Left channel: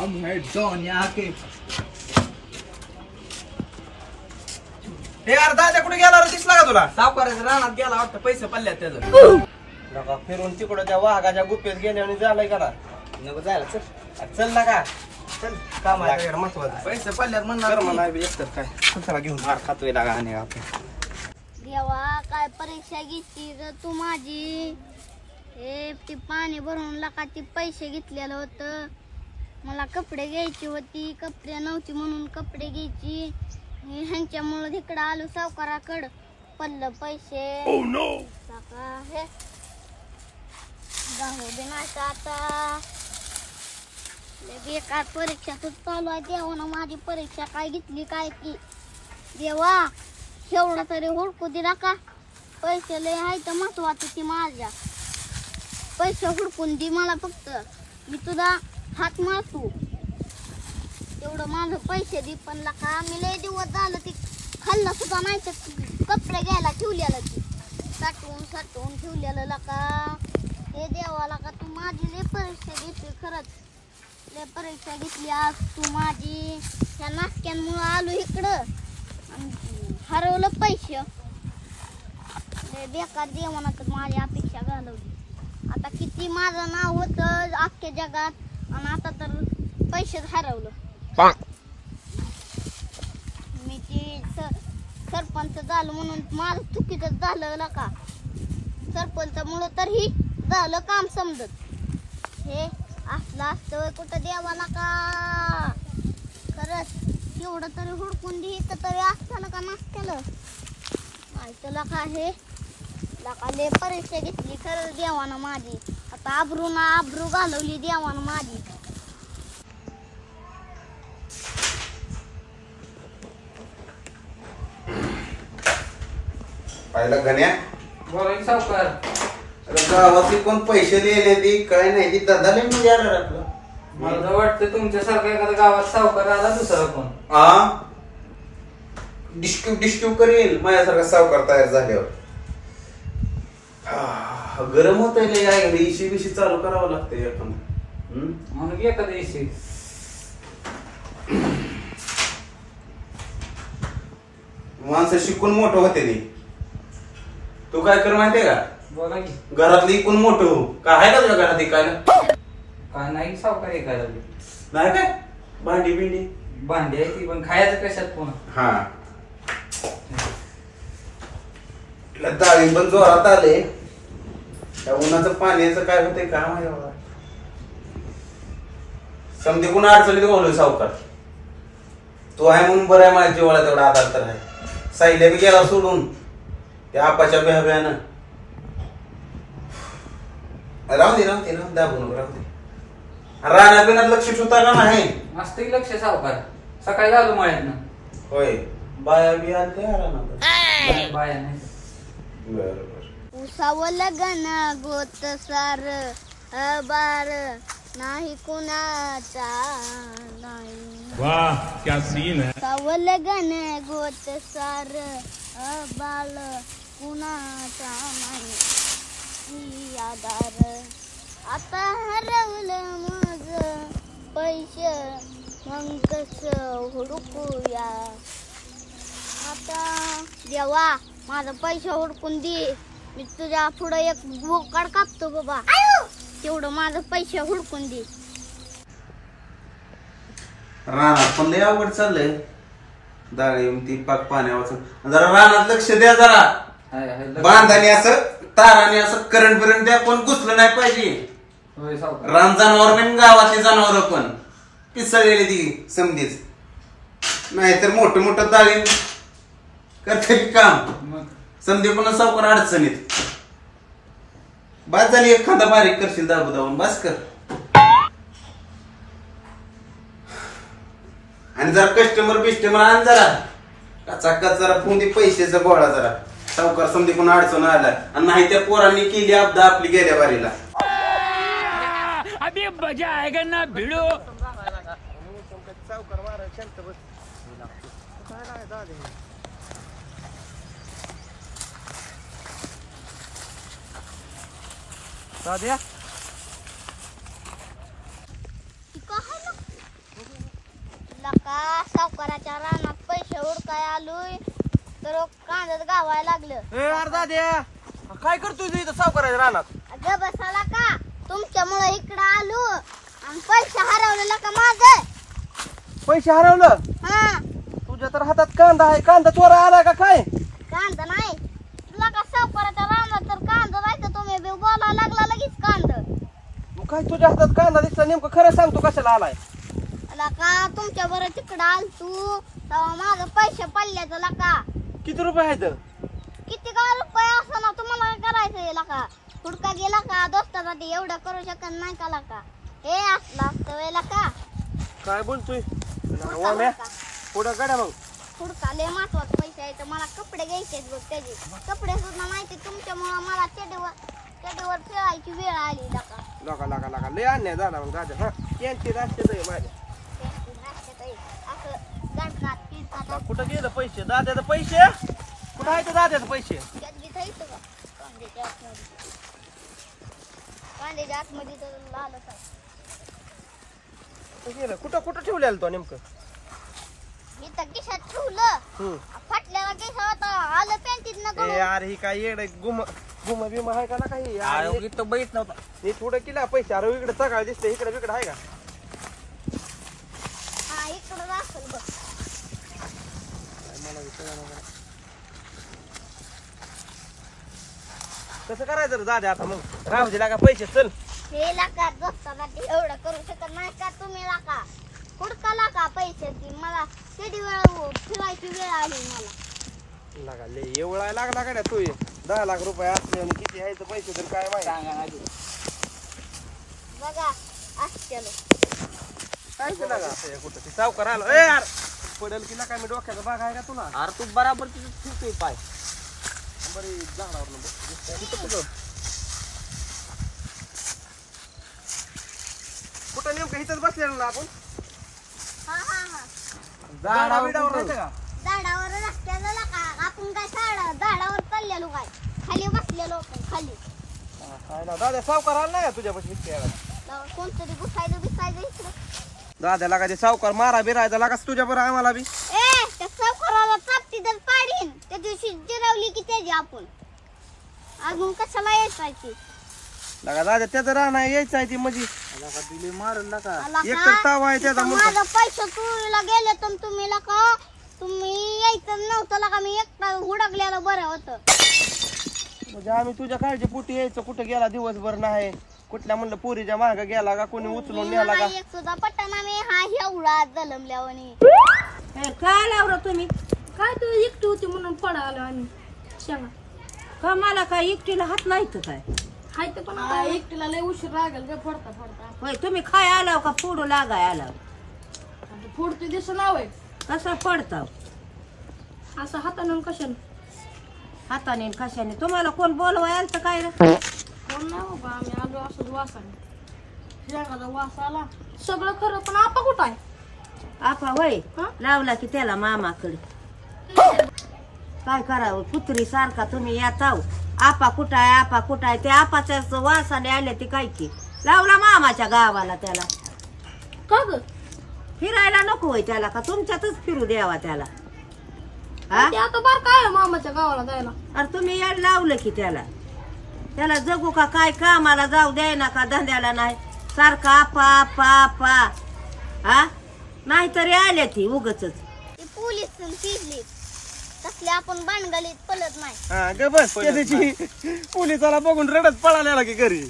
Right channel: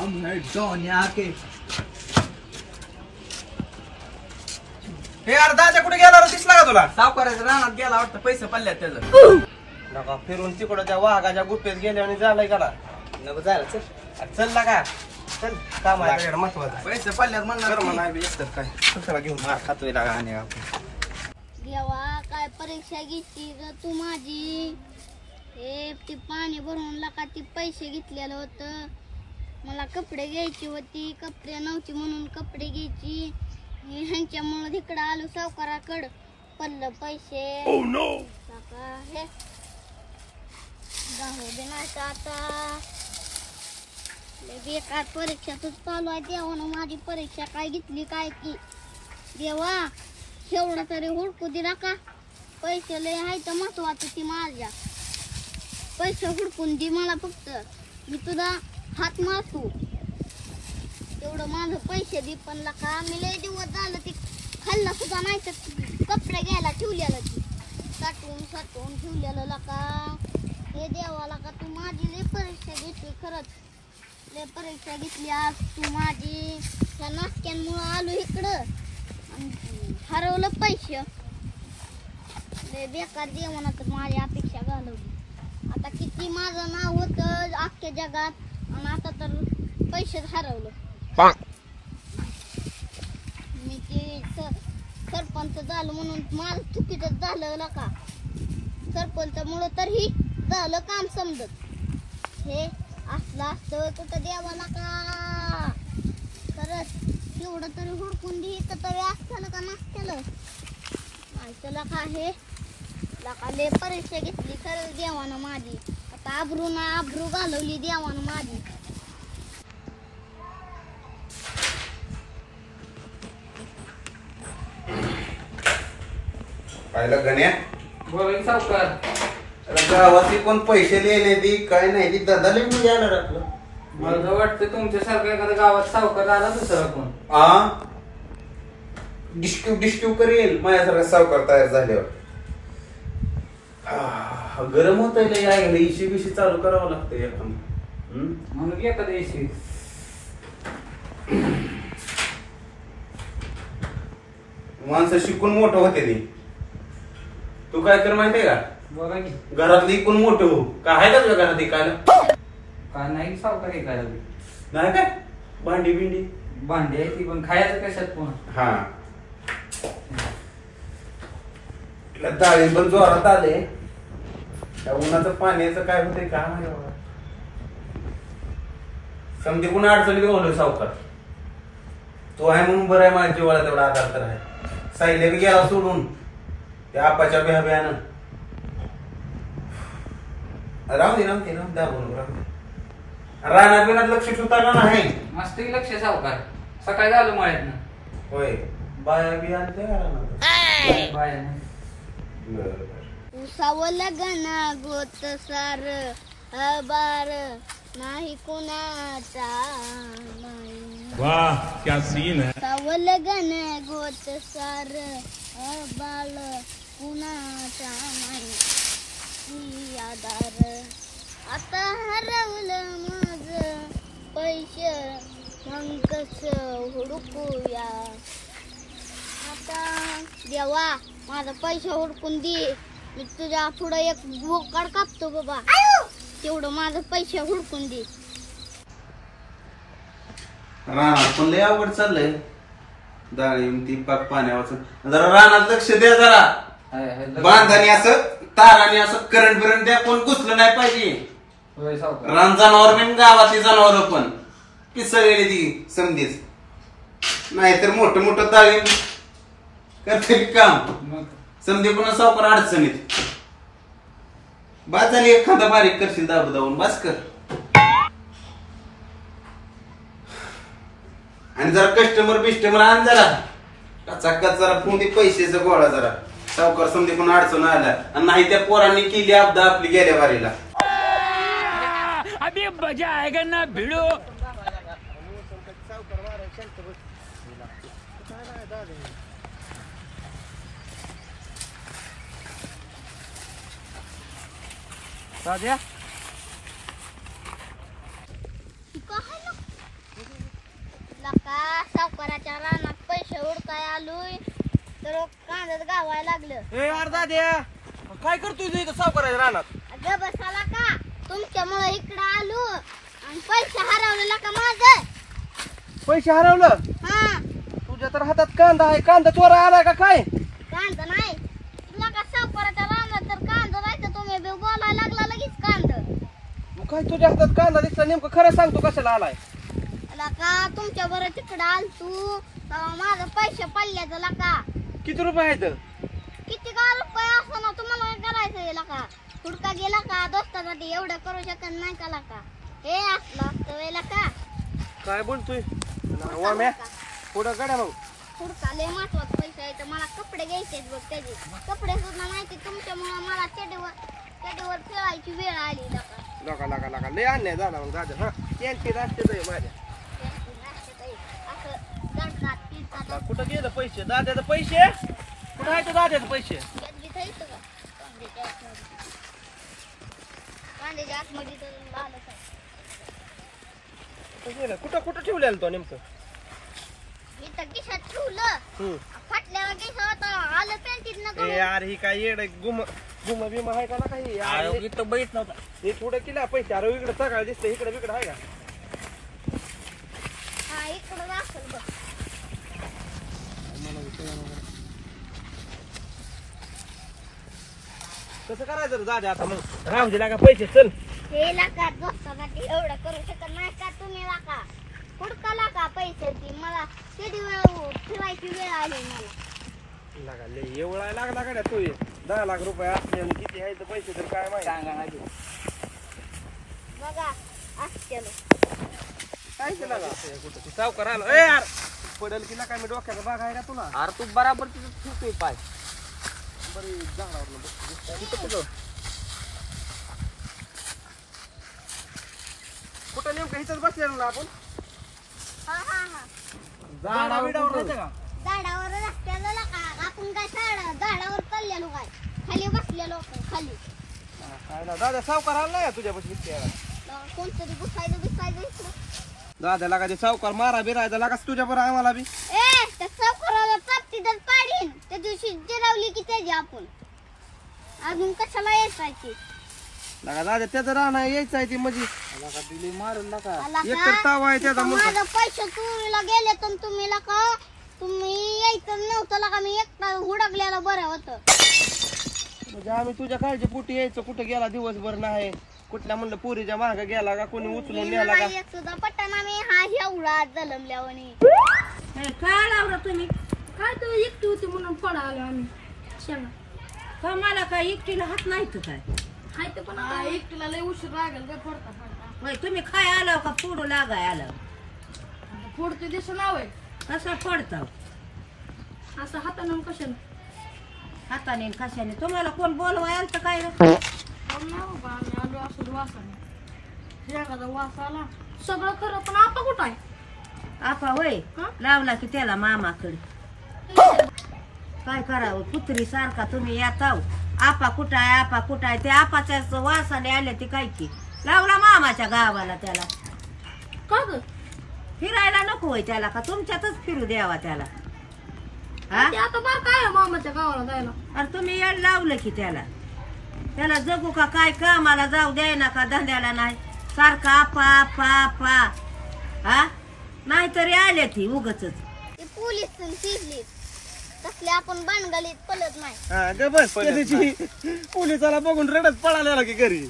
हम है डॉन यहाँ के। हे अर्धा कुठे गेला रे? दिसला का तुला? सावकाराच्या रानात गेला वाटतं, पैसे पडल्यात त्याचं. नका फिरून तिकडं त्या वाघाच्या गुप्पेत गेले आणि झालंय करा. नको जायला चल. चल ना का चल काम आहे महत्वाचं. पैसे पडल्यात म्हणलं नाही एकतर काय चला घेऊन मार खातोय लागा आणि आपण. देवा काय परीक्षा घेतली ग तू माझी. हे ती पाणी भरून लका ती पैसे घेतलेलं होतं. मला कपडे घ्यायची होती, कपडे नव्हती म्हणून कपडे घ्यायची. ह्यांच्यामुळे तिकडं आलो सावकाराकडं, पडलं पैसे. हे जाऊ दे ना आता. बेकार परीक्षाच चालू आहे. देवानं माझी परीक्षा काय घेतली काय की. देवा एवढं तरी हुडकू दिला का. पैसे लय आहे तर महत्वाचं ती माझ्या. पैसे हुडकून दे मला फक्त. मी तुझा हात मारतो तेवढं माझं पैसे दे. पण लका मी लय दिवस झालं ती खाल्लं सुद्धा नाही तर कपडे घ्यायला ठेवलेलं ती साठवून ठेवलेलं लका. हे देवाला का तू माझी लय परीक्षा घेतली. खरंच लय परीक्षा घेतली आज तू माझी. ह्या नाटक्यांमुळं आलो इकडं आणि हरवलं पैसे. लय बेकार जेवणात माझी अपेक्षा घालवली. आता किती माझं नाव होतं अख्ख्या जगात आणि आता तर पैसेच हरवलं. मी ते सरपंच झालं म्हणून माझं चुकीचं झालं का. सरपंचामुळं तर ही झालं काम समजत. हे असलं असतं कुठं देवाला का. खरंच एवढं तरी हुडकून दे तरी असतं का नसतं माहितीला का. हे लकाले परीक्षा घेतली खरंच देवानं माझी. आता आबरू घालवली देवानं माझी. पाहिलं गण्या बोला की सावकार. गावातली कोण पैसे लिहिले ती काय नाही ती दादाला मी जाणार आपलं. मला वाटतं तुमच्यासारखं एखाद्या गावात सावकार आला दुसरा कोण. हा डिस्क्यू करेल माझ्यासारखा सावकार तयार झाल्यावर. गरम होत आहे. इशी बिशी चालू करावं लागतं आपण म्हणून एखाद्या दिवशी माणसं शिकून मोठं होते ती. तू काय कर माहितीये का. बोला की. घरातली इकून मोठं हो. काय आहे का तुझ्या घरात इकायला. काय नाही सावकार एखादा नाही काय भांडी बिंडी भांडी आहे ती पण खायचं कशात पुन्हा. हा डाळी पण जोरात आले. त्या उन्हाचं पाण्याचं काय होतंय का माझ्या समजे कोण अडचणीत घालू सावकार. तो आहे म्हणून बरं आहे. माझ्या जीवाला तेवढा आधार तर आहे. सायल्या बी गेला सोडून त्या आपाच्या भ्याभ्यानं. राहू दे दाबून राहू दे. राहण्या पिण्यात लक्ष ठेवता का नाही. मस्त लक्ष सावकार. सकाळी झालो मळ्यातनं. होय बाया बी आणते राहणार. बाया नाही. बरोबर. उसावं लगन गोत सार बार नाही कुणाचा नाही. वाह क्या सीन है. उसावं लगन गोत सार बाळ कुणाचा नाही आधार. आता हरवलं माझं पैसे मग कसं हुडकूया. आता देवा माझं पैसे हुडकून दे. मी तुझ्या पुढं एक बोकाड कापतो बाबा. तेवढं माझं पैसे हुडकून दे. रानात पण लय आवड चाललंय. डाळी ती पाक पाण्यावर जरा रानात लक्ष द्या. जरा बांधाने असं ताराने असं करंट बिरंट द्या. कोण घुसलं नाही पाहिजे. रान जनावर बिन गावातली जनावर पण पिसळलेली ती समधीच. नाहीतर मोठं मोठं डाळी करते काम समधी पण सावकार अडचणीत. बाज झाली एखादा बारीक करशील दाबून बस कर. आणि जरा कस्टमर आण जरा कचाकच जरा पुंदी पैशाचा गोळा जरा. सावकार समधी कोण अडचण आलाय आणि नाही त्या पोरांनी केली आपदा आपली गेल्या वारीला. अभी मजा आएगा ना भिड़ो. सावकार मारा शांत बस. काय लका सावकाराच्या रानात पैसे उडकाय आलोय तर कांद्यात गावायला लागलं. ए अर्धा द्या काय करतोय तू इथं सावकाराच्या रानात? अगं बसाला का तुमच्यामुळे इकडं आलो आणि पैसे हरवलेला का माझं. पैसे हरवलं? हा तुझ्या तर हातात कांदा आहे. कांदा चोरा आलाय का काय? कांदा नाही तुला का सावकाराच्या रानात तर कांदा राहायचं तुम्ही बी बोलायला लागला लगेच कांदा. मग काय तुझ्या हातात कांदा दिसला नेमकं खरं सांगतो कशाला आलाय? लका तुमच्या बरं तिकडं आल तू तेव्हा माझं पैसे पडल्याचं लका. किती रुपये आहेत? किती का रुपये असं ना तुम्हाला काय करायचं लका. हुडका गेला का दोस्तासाठी एवढं करू शकत नाही का लका. हे असलं असतं वेळेला का काय बोलतोय वाम्या? पुढं गड्या मग हुडका लय महत्वाचं पैसे आहे तर मला कपडे घ्यायचे बघ त्याचे कपडे सुद्धा नाही ते तुमच्यामुळे मला चेडीवर फिरायची वेळ आली लका. लगा लय अन्याय झाला मग दादा. हा त्यांची राष्ट्र माझ्या असं दणकात पिळकात कुठं गेलं पैसे? दाद्याचं पैसे कुठं आहे? ते दाद्याचं पैसे कांद्याच्या आतमध्ये तर लालच आहे. कुठं गेलं? कुठं ठेवलेलं तो नेमकं? इथं खिशात ठेवलं फाटल्याला खिसा होता आलं पॅन्टीत न यार ही काय येड गुम बिम आहे का ना काही? इथं बैठ नव्हता. हे थोडं केला पैसे. अरे इकडे सकाळ दिसते इकडे बिकडे आहे का? हा इकडं असेल बघ. कसं करायचं रे दादा आता मग? राम दिला का पैसे? चल हे लाका दोस्तासाठी एवढं करू शकत नाही का तुम्ही लाका. हुडका लाका पैसे ती मला किती वेळ फिरायची वेळ आली मला. लागा लय एवढा लागला का तू? 10 लाख रुपये असले आणि किती आहे तर पैसे तर काय माहिती सांगा ना. बघा असतेलो काय केलं का कुठं ते सावकार आला? ए यार पडेल की काय? मी डोक्याचा भाग आहे का तुला? अरे तू बराबर तिथं ठेवतोय पाय. बरी झाडावर कुठं नेमकं इथंच बसलेलो ना आपण? हा हा हा झाडावर झाडावर रस्त्याला लाका आपण काय झाडावर चाललेलो काय खाली बसलेलो आपण खाली. काय ना दादा सावकार आला नाही का तुझ्यापाशी? कोणतरी घुसायचं बिसायचं इकडं. दादा लागा ते सावकार मारा बिरायचा लागास तुझ्या बरं आम्हाला बी. ए त्या सावकाराला चापटी तर पाडीन त्या दिवशी जिरवली की त्याची आपण अजून कशाला यायची लागा दादा त्याचं राहणार यायचं आहे ती मध्ये लागा दिली मारून लागा आला एक का? तर ताव आहे त्याचा इथं माझं पैसे चोरीला गेले तर तुम्ही लका तुम्ही यायचं नव्हतं लका. मी एकटा हुडकलेलं बरं होतं. म्हणजे आम्ही तुझ्या काळजी पोटी यायचं. कुठं गेला दिवसभर नाही कुठल्या म्हणलं पोरीच्या माग गेला का कोणी उचलून नेला का? एक सुद्धा पट्टाना मी हा एवढा जलमल्यावानी. काय लावलं तुम्ही? काय तू एकटी होती म्हणून पडालो आम्ही शेंगा. का मला काय एकटीला हात नाही तर काय? हाय तर पण एकटीला लय उशीर लागेल काय फोडता फोडता. होय तुम्ही खाय आलाव का फोडू लागाय आलाव? फोडते दिसं नाव आहे कसं पडताव असं हाताने कशाने? हाताने कशाने? तुम्हाला कोण बोलवाय आलं तर काय रे? कोण नाही बाबा आम्ही आलो असं वासाने शेंगाचा वास आला सगळं खरं. पण आपा कुठं आहे? आपा होय लावला की त्याला मामाकडे. काय करावं कुत्री सारखा तुम्ही येताव. आपा कुठं आहे आपा कुठं आहे? ते आपाच्या वासाने आले ते काय की लावला मामाच्या गावाला त्याला. का ग फिरायला नको होय त्याला का तुमच्यातच फिरू द्यावा त्याला? आता बार काय मामाच्या गावाला जायला? अरे तुम्ही याड लावलं की त्याला जगू का काय कामाला जाऊ द्याय ना का धंद्याला नाही सारखा आपा आपा आपा. हा नाहीतरी आले ती उगच ती पोलीस पिजली तसले आपण बाणगलीत पलत नाही. हा ग बस त्या दिवशी पोलिसाला बघून रडत पळालेला की घरी.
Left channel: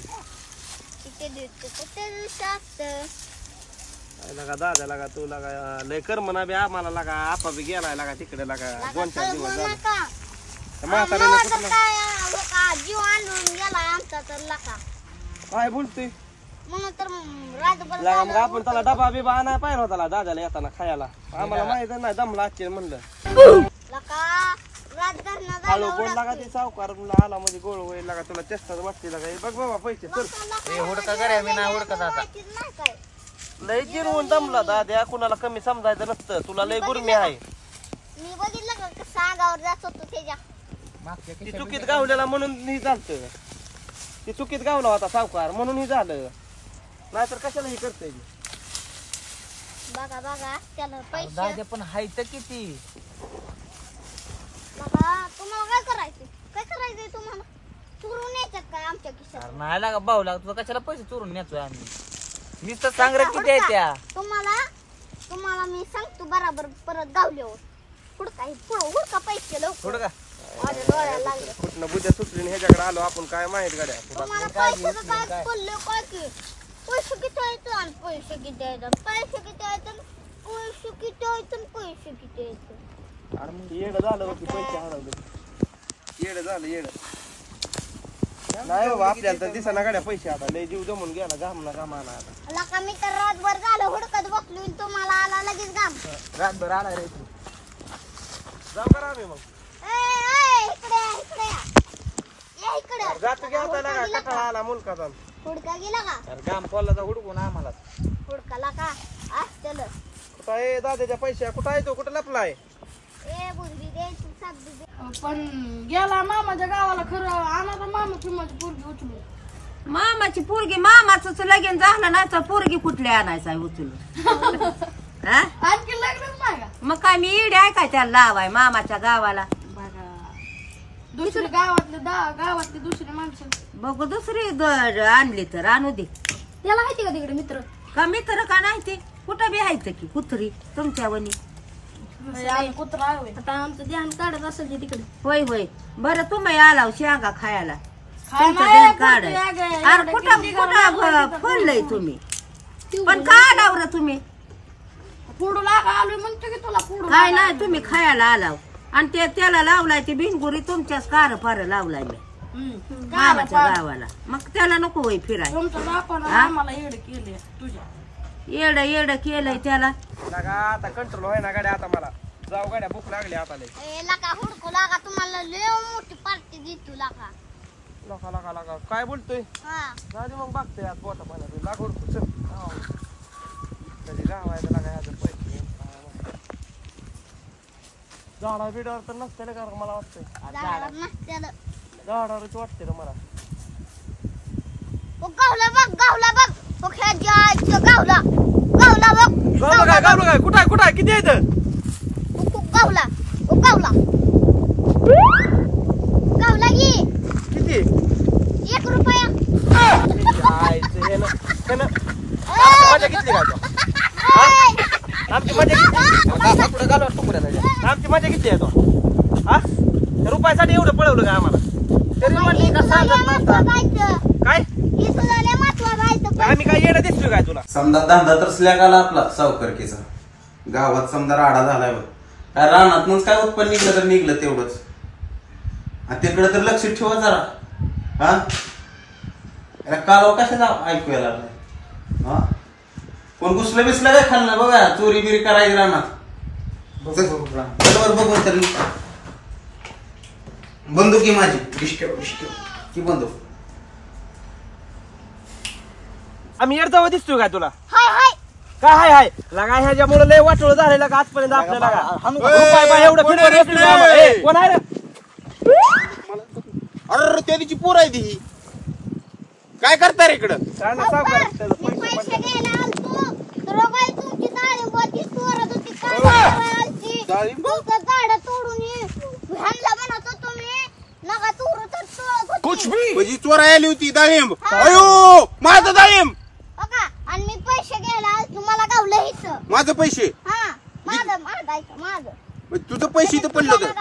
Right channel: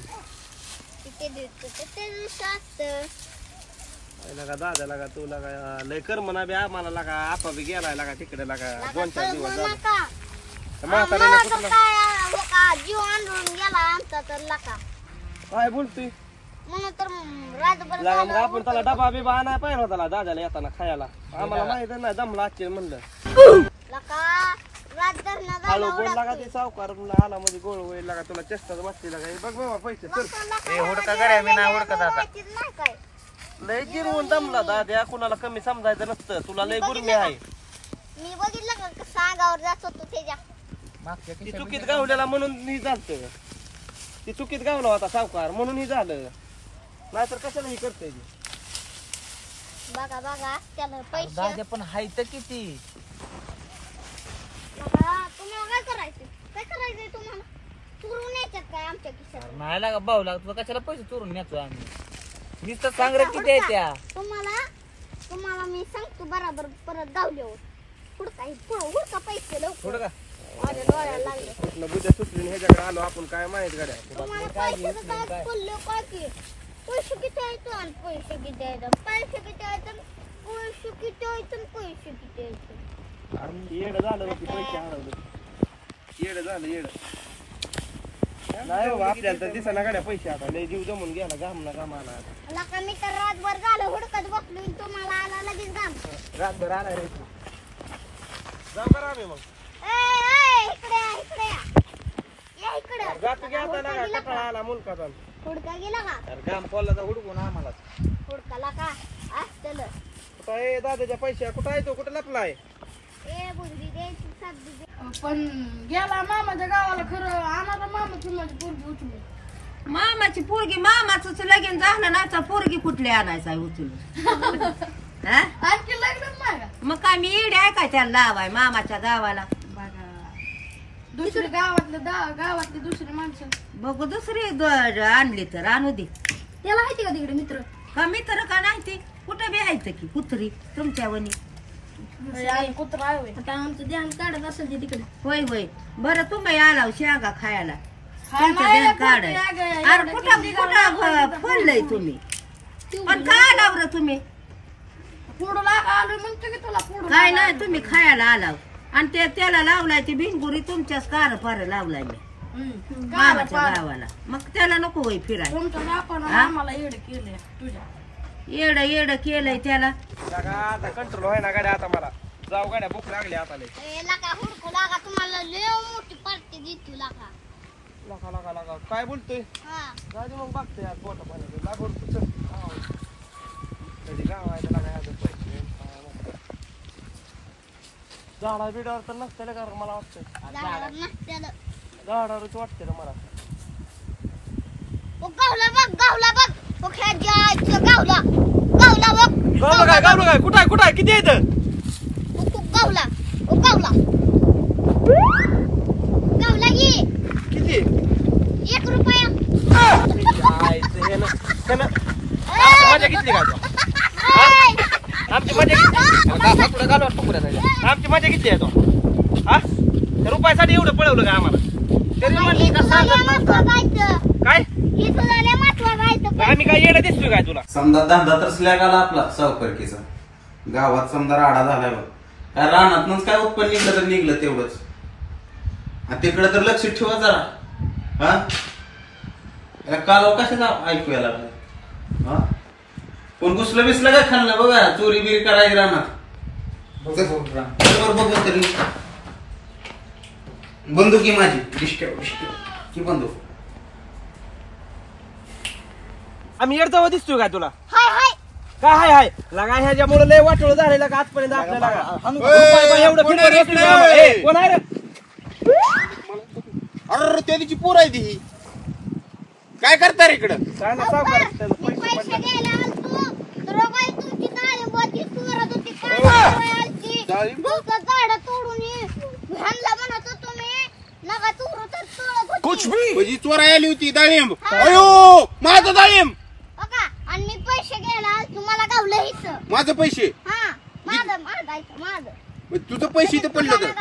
लगा दादा लागा तू लागा लय कर म्हणा बी आम्हाला लागा आपा बी गेलाय लागा तिकडे लागा 2-4 दिवस जीव आणून गेला आमचा तर लका. काय बोलतोय? म्हणून तर रातभर लागा मग आपण त्याला डबा बिबा आणाय पाहिजे होता दादाला येताना खायला. आम्हाला माहित नाही दमला आजचे म्हणलं लका रात धरणं हळू झालं बोल लागा ते सावकार तुला आला म्हणजे गोळ होईल लागा तुला चेष्टाच वाटते लागा. बघ बाबा पैसे चल हुडका करे मी नाही हुडकत आता. नाही काय लय जिरवून दमला दाद्या. कुणाला कमी समजायचं नसतं. तुला लय गुरमी आहे. मी बघितलं का कसा अंगावर जात होतो त्याच्या. मागच्या ती खिशात चुकीत गावलेला म्हणून ही झालं. ती चुकीत गावला होता सावकार म्हणून ही झालं. नाहीतर कशाला ही करते बघा बघा त्याला पैसे दादा पण हाय तर किती बघा तुम्हाला काय करायचंय तुम्हाला चोरून यायच्यात काय आमच्या खिशात नाही लागा भाऊ लागा तुला कशाला पैसे चोरून नेतोय आम्ही मीच तर सांग रे किती आहे त्या तुम्हाला मी सांगतो बराबर परत गावल्यावर हुडका पैसे लवकर थोडं का माझ्या डोळ्याला लागले कुठनं बुद्या सुटली ह्याच्याकडे आलो आपण काय माहित गाड्या तुम्हाला पैशाचं काय पडलं काय की पैसे किती आहेत आणि पैसे किती आहेत पैसे किती आहेत पैसे किती आहेत पैसे किती आहेत अरे मग येडं झालं होती पैसे हरवले येडं झालं नाही बाबा आपल्याला तर दिसाना गाड्या पैसे आता लय जीव जमून गेला घामाला आता लका मी तर रातभर झालं हुडकत बसलो तुम्हाला आला लगेच घाम रातभर आला रे तू जाऊ करा आम्ही मग इकडे या इकडे जातो की आता लागा कटाळा आला मुलकाचा हुडका गेला का तर घाम पडला तर हुडकून आम्हाला हुडकाला का असतेल कुठं आहे दादाच्या पैसे कुठं आहे तो कुठं लपलाय ए बुद्धी द्यायची साधी दे पण गेला मामाच्या गावाला खरं आणाचा मामाची माझी पोरगी उचलून मामाची पोरगी मामाच लगीन झालं नाही तर पोरगी कुठली आणायचा उचलून आणखी लग्नच नाही का मग काय मी इडे आहे काय त्याला लावाय मामाच्या गावाला दुसरी गावातली दुसरी माणसं बघू दुसरी आणली तर आणू दे त्याला माहिती का तिकडे मित्र का नाही ते कुठं बी आहे की कुत्री तुमच्या वनी कुत्रा आता आमचं ध्यान काढत असेल तिकडे होय बरं तुम्ही आला शेंगा खायला काढ अरे कुठं कुठं फळलंय तुम्ही पण का आलाव रे तुम्ही काय नाही तुम्ही खायला आलाव आणि त्याला लावलाय ते भिंगुरी तुमच्याच कार फार लावलाय मी मामाच्या गावाला मग त्याला नको होय फिराय येड केलंय त्याला आता कंट्रोल होय ना गाड्या आता मला जाऊ गाड्या भूक लागली आता लय ए लका हुडकू लागा तुम्हाला लय मोठी पार्टी देतो लका लका काय बोलतोय हा जाऊ मग बघतोय आज पोटा पाण्यात लाग हुडकू चल कधी गाव आहे तर लागा ह्याचे पैसे झाडा बिडावर तर नसते का मला वाटतंय झाडावरच वाटते रे मला गावला बघ गावला गावलं काय कुठं आहे किती आहे गावला की किती 1 रुपया मजा घेतली का आमची मजा कुठं घालवा आमची मजा किती आहे तो हा रुपयासाठी एवढं पळवलं का आम्हाला तरी म्हणली का सांगत नव्हता काय आम्ही काय येणं दिसतोय काय तुला समजा धंदा तर स्लॅग आला आपला सावकारकीचा गावात समजा राडा झालाय बघ काय रानातूनच काय उत्पन्न निघलं तर निघलं तेवढंच तिकडे तर लक्ष ठेवा जरा हा कालव कशाचा ऐकू यायला हा कोण घुसलं बिसलं काय खाल्लं बघा चोरी बिरी करायची रानात बरोबर बघू तरी बंदुकी माझी डिस्क्यो ती बंदूक आम्ही येडजावा दिसतोय काय तुला काय हाय लगा ह्याच्यामुळे लय वाटोळ झालेलं का आजपर्यंत आपल्याला एवढं कोण आहे रे अरे त्याची पोर आहे ती काय करता रे इकडं काय ना सावकार कुछ भी चोरा आली होती डाळिंब अयो माझं डाळिंब आणि मी पैसे घ्यायला तुम्हाला गावलं इथं माझं पैसे हा माझं तुझं पैसे इथं पडलं तर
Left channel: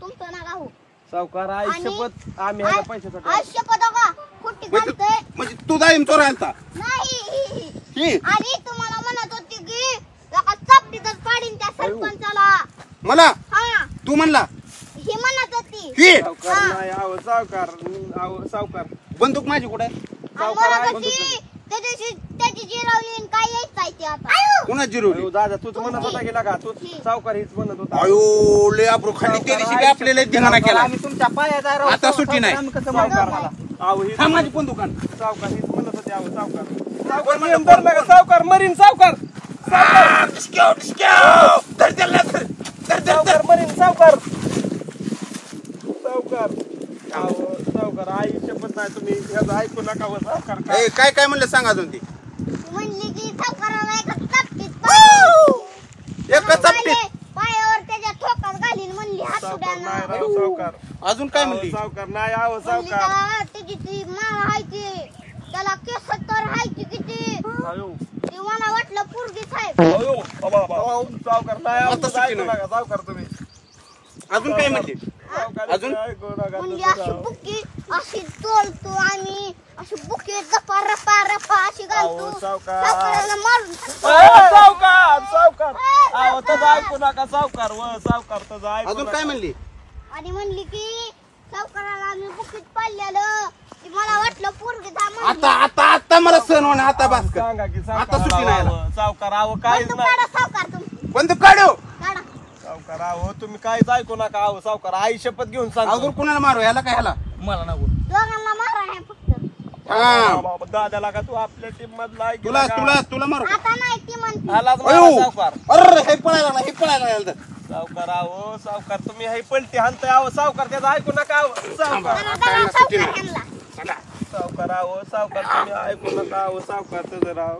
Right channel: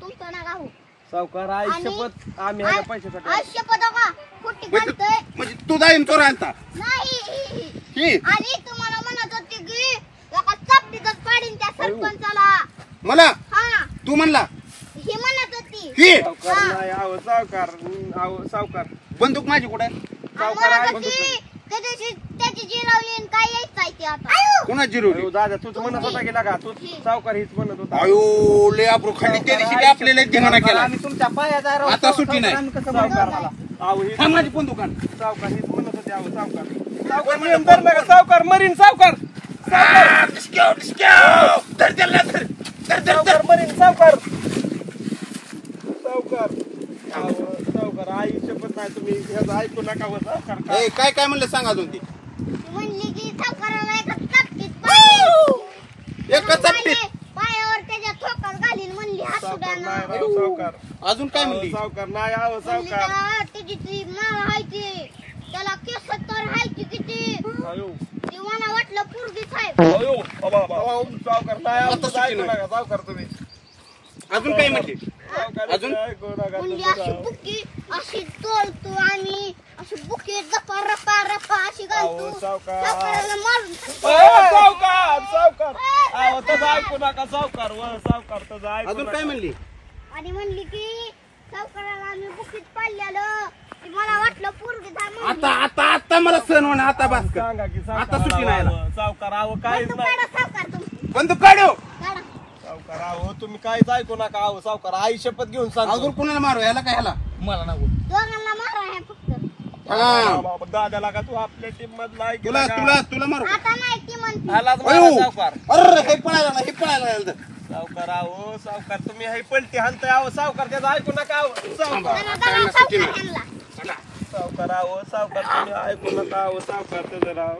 तुमचं ना गाव सावकार आयुष्यपत आम्ही ह्याच्या पैशासाठी आयुष्यपत का कुठे घालतोय म्हणजे तू डाळिंब चोरा आणता नाही आणि तुम्हाला म्हणत होते की एका चापटीतच पाडीन त्या सरपंचाला मला हा तू म्हणला ही म्हणत होती ही सावकार नाही आहो सावकार बंदूक माझी कुठे सावकार आहे त्या दिवशी त्याची जिरवली काय यायचं ते आता कोणा जिरवली दादा तूच म्हणत होता की लागा तू सावकार हीच म्हणत होता अयो लय अब्रू खाली त्या दिवशी आपल्याला धिंगाणा केला आम्ही तुमच्या पायात आहे राव. आता सुट्टी नाही. आम्ही कसं सावकार मला आहो ही हा माझी पण दुकान सावकार हीच म्हणत होते आहो सावकार नियम धरला का सावकार मरीन सावकार सावकार मरीन सावकार आई शपथ नाही तुम्ही ह्याचं ऐकू नका व सावकार काय काय म्हणलं सांगा तुम्ही म्हणली की सावकाराला एका चापटीत अजून काय म्हणली सावकार नाही आहो सावकार तिची ती मामा हायची त्याला केस तर हायची किती ती मला वाटलं पोरगीच आहे सावकार नाही आहो सावकार तुम्ही अजून काय म्हणली अजून म्हणजे अशी बुकी अशी तोलतो आणि अशी बुकी रपा रपा रपा अशी घालतो सावकाराला मारून सावकार सावकार अहो तसं ऐकू नका सावकार सावकार तसं ऐकू अजून काय म्हणली आणि म्हणली की सावकाराला आम्ही बुकीत पाडलेलं की मला वाटलं पोरगी आता आता आता मला सण होणार आता बस कर. सांगा की आता सुट्टी नाही आला. सावकार अहो काहीच नाही सावकार तुम्ही बंदूक काढू काढा सावकार अहो तुम्ही काहीच ऐकू नका अहो सावकार आई शपथ घेऊन सांगतो अजून कुणाला मारू याला काय ह्याला मला नको दोघांना मारा हे फक्त हा. दादाला का तू आपल्या टीम मधला ऐक तुला तुला तुला मारू आता नाही ती म्हणते आलाच अयो. मला सावकार अरे हे पळायला लागला, हे पळायला लागला. सावकार अहो सावकार तुम्ही हे पलटी हाणताय अहो सावकार त्याचं ऐकू नका अहो सावकार सावकार अहो सावकार तुम्ही ऐकू नका अहो सावकार त्याचं राव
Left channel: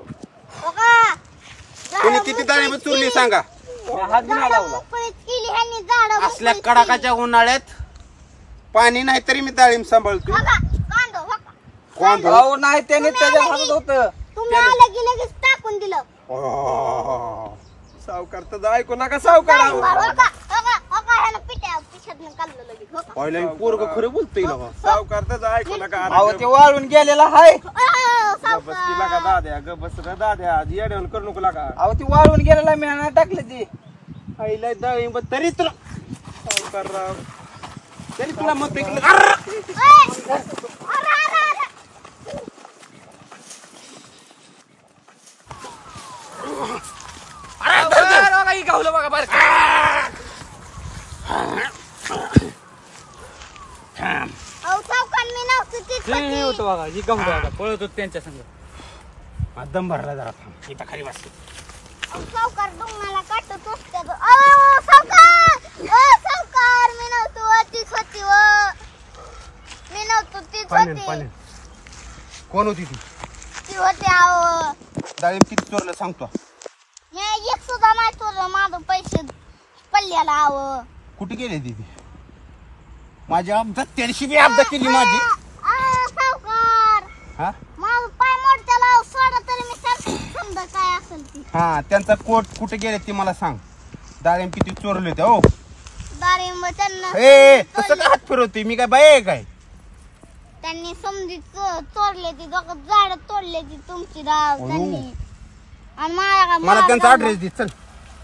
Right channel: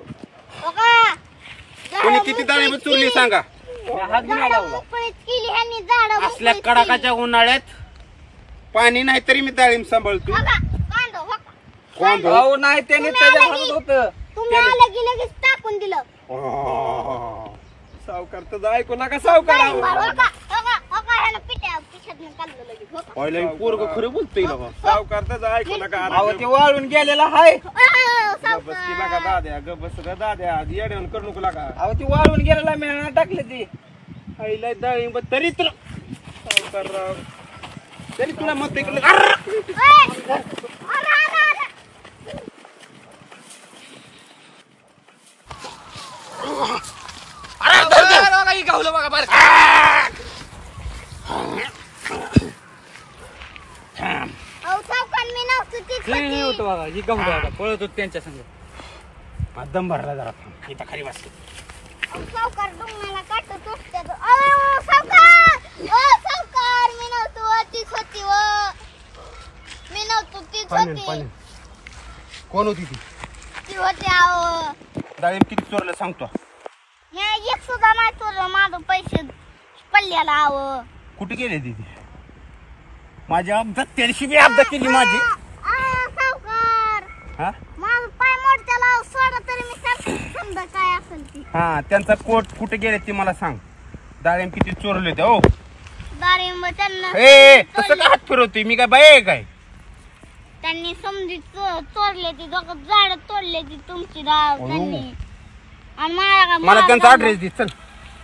कोणी किती दाणे चुरली सांगा असल्या कडाकाच्या उन्हाळ्यात पाणी नाही तरी मी डाळिंब सांभाळतो कोण अहो नाही त्याने त्याच्या हातात होतं तुम्ही आलं की लगेच टाकून दिलं सावकार त्याचं ऐकू नका सावकार अहो पहिला पोरग खरं बोलतोय ना बा. सावकार त्याचं ऐकू नका अहो ते वाळून गेलेला हाय गबस की लागा दाद्या गबस रे दाद्या येड्यावर करू नको लागा अहो ती वाळून गेलेला मी ना टाकली ती आईला डाळिंब तरी तुला सावकार राव तरी तुला मत ऐकलं गावलं बघा बरं होतं बघा ही गावलं बघा पळत होत त्यांच्या संग दम भरला जरा थांब इथं खाली बसते सावकार डोंगराला काटत असते सावकार मी नव्हतो तीच होती मी नव्हतो तीच होती कोण होती ती ती होती आहो डाळिंब किती चोरलं सांगतो हे एक सुद्धा नाही चोरलं माझं पैसे पडल्याला आहो कुठे गेले ती माझ्या त्यादिवशी बी अपघात केली माझी सावकार हा माझं पाय मोडत्याला सोडा तरी मी समजा काय असेल ती हा त्यांचा कोट कुठे गेले ते मला सांग डाळिंब किती चोरले होते हो डाळिंब त्यांना ए तसं का हात फिरवतोय मी काय बाय आहे काय त्यांनी समजी चोरले ती दोघं झाड तोडले ती तुमची राव त्यांनी आणि मला त्यांचा ऍड्रेस दे चल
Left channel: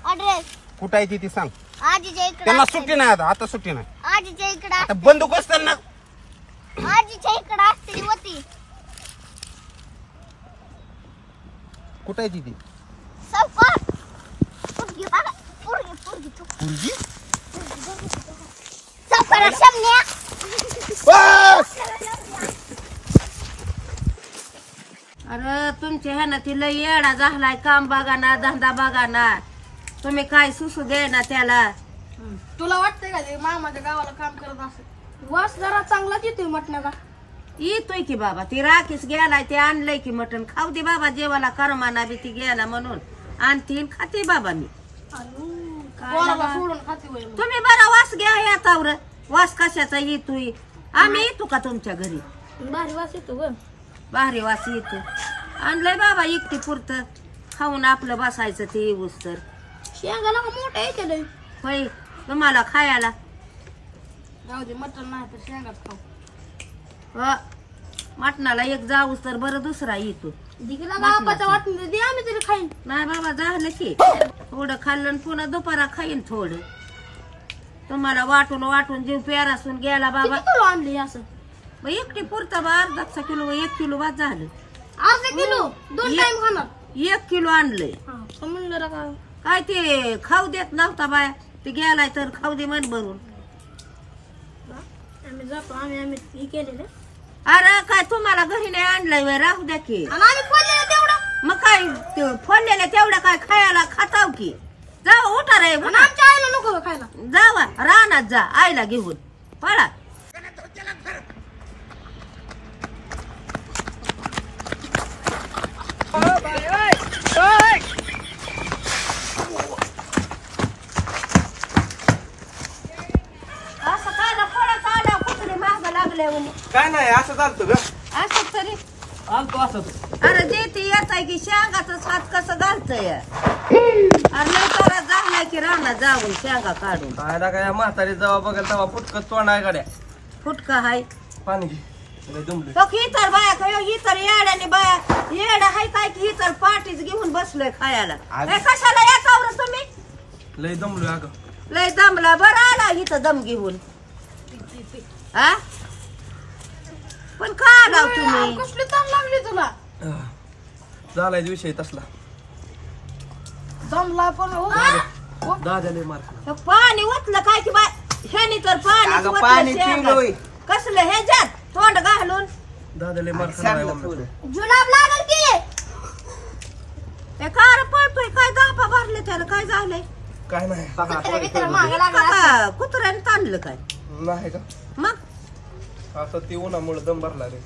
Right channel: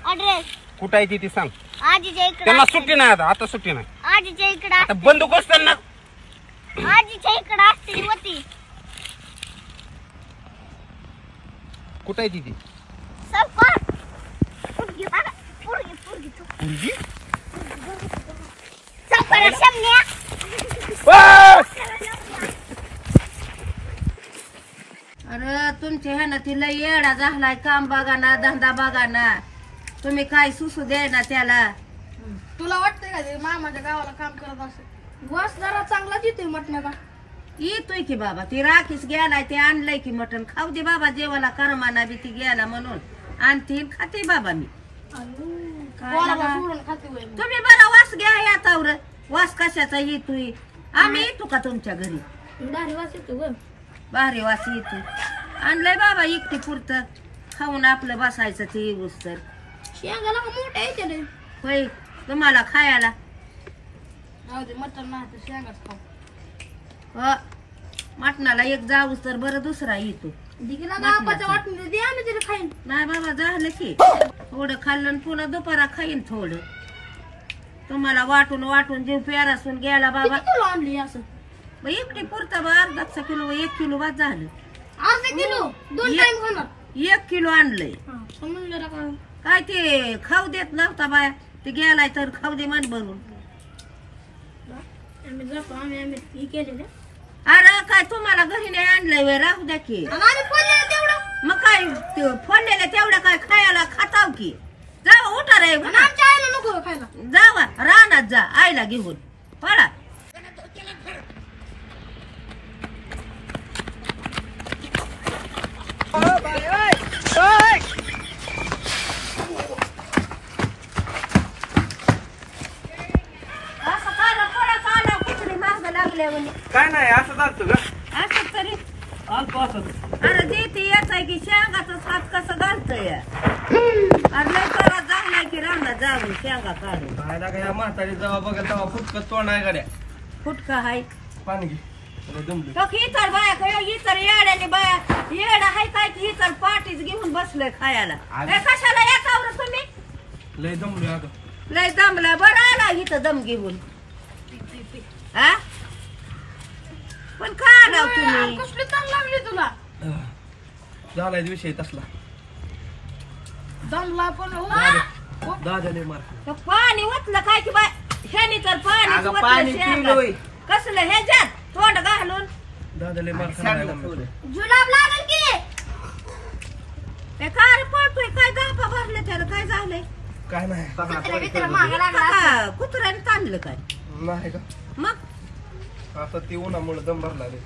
ऍड्रेस कुठं आहे ती सांग आजीच्या इकडे त्यांना सुट्टी नाही आता सुट्टी नाही आजीच्या इकडे आता बंदूक असताना आजीच्या इकडे असते होती कुठं आहे ती सावकार पुरगी बघा पुरगी तू पुरगी सावकार शमन्या अरे तुमच्या ह्यानं ती लय येडा झालाय काम बघा ना धंदा बघा ना तुम्ही काय सुसू दे ना त्याला तुला वाटतंय का ते मामाच्या गावाला काम करत असेल वास जरा चांगलाच येतोय मटणाचा येतोय की बाबा ती राखीस गेलाय ते आणलंय की मटण खाऊ दे बाबा जेवाला करमाना बी ती गेला म्हणून आणतीन खाते बाबा मी कोणाला सोडून खाते होय मग. तुम्ही बरा वास घ्या यातावर वास कशाचा येतोय आम्ही येतो का तुमच्या घरी भारी वास येतो ग भारी वास येतो आणलंय बाबा एकटी पुरतं खाऊन आपलं बसायचं ते येऊस तर शेंगाला का मोठ्या येते लय. होय तुम्हाला खायला जाऊ दे मटण नाही तर शेंगाच खाऊ मटणाला एक जाऊस तर बरं दुसरा येतो दिकीला बापाच्या वाटून दे आम्ही तरी खाईन नाही बाबा झालं की थोडं खाल्लं आणि पुन्हा दुपारा खाईन थोडं तुम्हाला वाटून वाटून जीव प्यारासून गेला बाबा किती तुला आणली असं मग एकटी पुरतं बा अर्धा किलो 1 किलो बाद झालं अर्धा किलो 2 टाइम खाणार 1 किलो आणलंय म्हणलं रा काय ते खाऊ देत नव्हता बाया ते गेलाय तर खाऊ दे मन भरून आम्ही जातो आम्ही हे केलेलं अरे काय तुम्हाला घरी नाही आणलंय वे राहू द्या की आम्ही फोडलेलं तेवढं मग काय ते फोडलेलं तेवढं काय खायला खाताव की जावा उठा रे आणि आमच्या आईला नको खायला जावा रानात जा आईला घेऊन पळा असं काय काय नाही असं चालतं ग असं तरी आणतो असंच अरे देते येत आहे की शेंगाचं सात कसं घालतंय अरे लय करा झालाय की रानात जाऊन शेंगा काढून काय ना काय म्हातारी जेव्हा बघेल तेव्हा फुटकत तोंड आहे गाड्या फुटका हाय पाणी घे दुमले तो इतर बाया काय इतर येड्याने बाया येड्या हाय काय की इतर पाठीच घेऊन बसलोय खायला हे कशाला येतावर तुम्ही लय दमलोय अगं लय दमला बरं आला इथं दम घेऊन हा पण का आलाव तुम्ही कसली ताण लागली तुला झालाय विषय तसला जमला पण हो दादा लय मार हे पाणी ओतलं काय की बाय ह्यानी तर पाणी अगं पाणी पिलोय. कसलं ह्याच्यात तोंड घालून दादा लय मार खाणार जुलाब लागल की हे कार पळतोय काय गापा भरले त्याला काय झालंय काय नाही कुत्र्याने ताणलं काय नाही का मग आता ती उन्हामुळे दम भरला रे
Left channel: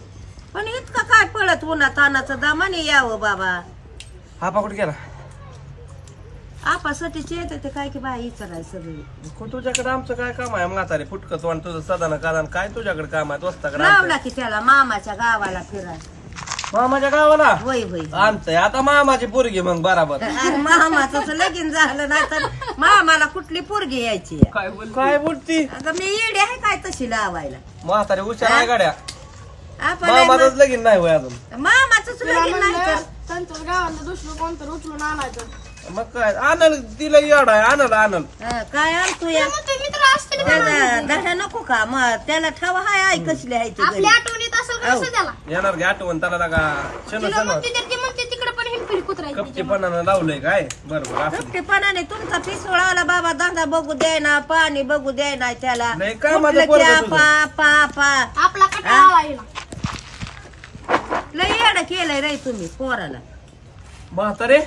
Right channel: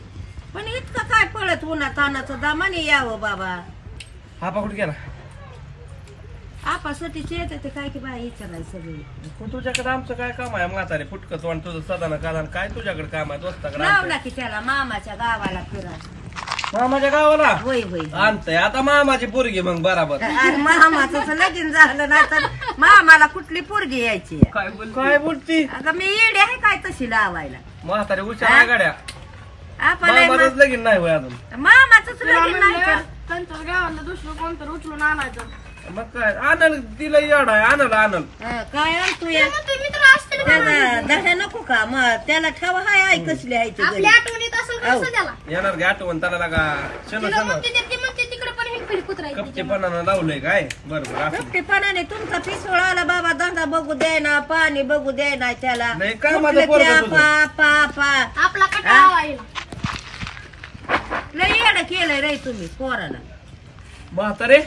पण इतकं काय पळत उन्हा तानाचं दामाने यावं बाबा हा पाकुट गेला आपासाठी येत ते काय की बाई विचारायचं सगळं तुझ्याकडे आमचं काय काम आहे म्हातारे फुटकत वाण तुझं सदाना कादान काय तुझ्याकडे काम आहे दोस्ताकडे लावला की त्याला मामाच्या गावाला फिरा मामाच्या गावाला होय होय आणतंय आता मामाची पोरगी मग बराबर अरे मामाचं लगीन झालं नाही तर मामाला कुठली पोरगी यायची काय बोलती अगं मी येडे आहे काय तशी लावायला म्हातारे हुशार आहे गाड्या आपण मामाच लगीन नाही होय अजून मामाच लगीन नाही तर त्यांच्या गावाला दुसरं कोणतं उचलून आणायचं मग काय आणल तिला येड आहे आणल काय आणतो या दह्या नको का मग त्याला ठेवा हाय आई कसली आहे ते घरी. आठवणीत असं कसं त्याला येणार घ्या आठवण त्याला लागा शनो शनो म्हणते तिकडे पण हिंडपिल कुत्रा कपचेपणानं लावलंय काय बरोबर असं कपटेपणाने तुमचा पिसोळ आला बाबा धंदा बघू द्याय ना पाणी बघू द्याय ना त्याला नाही काय माझं पोरगं तुझं? पा पा पा आपला कटाळा येईल लय येडं केलंय रे तुम्ही पोराला म्हातारे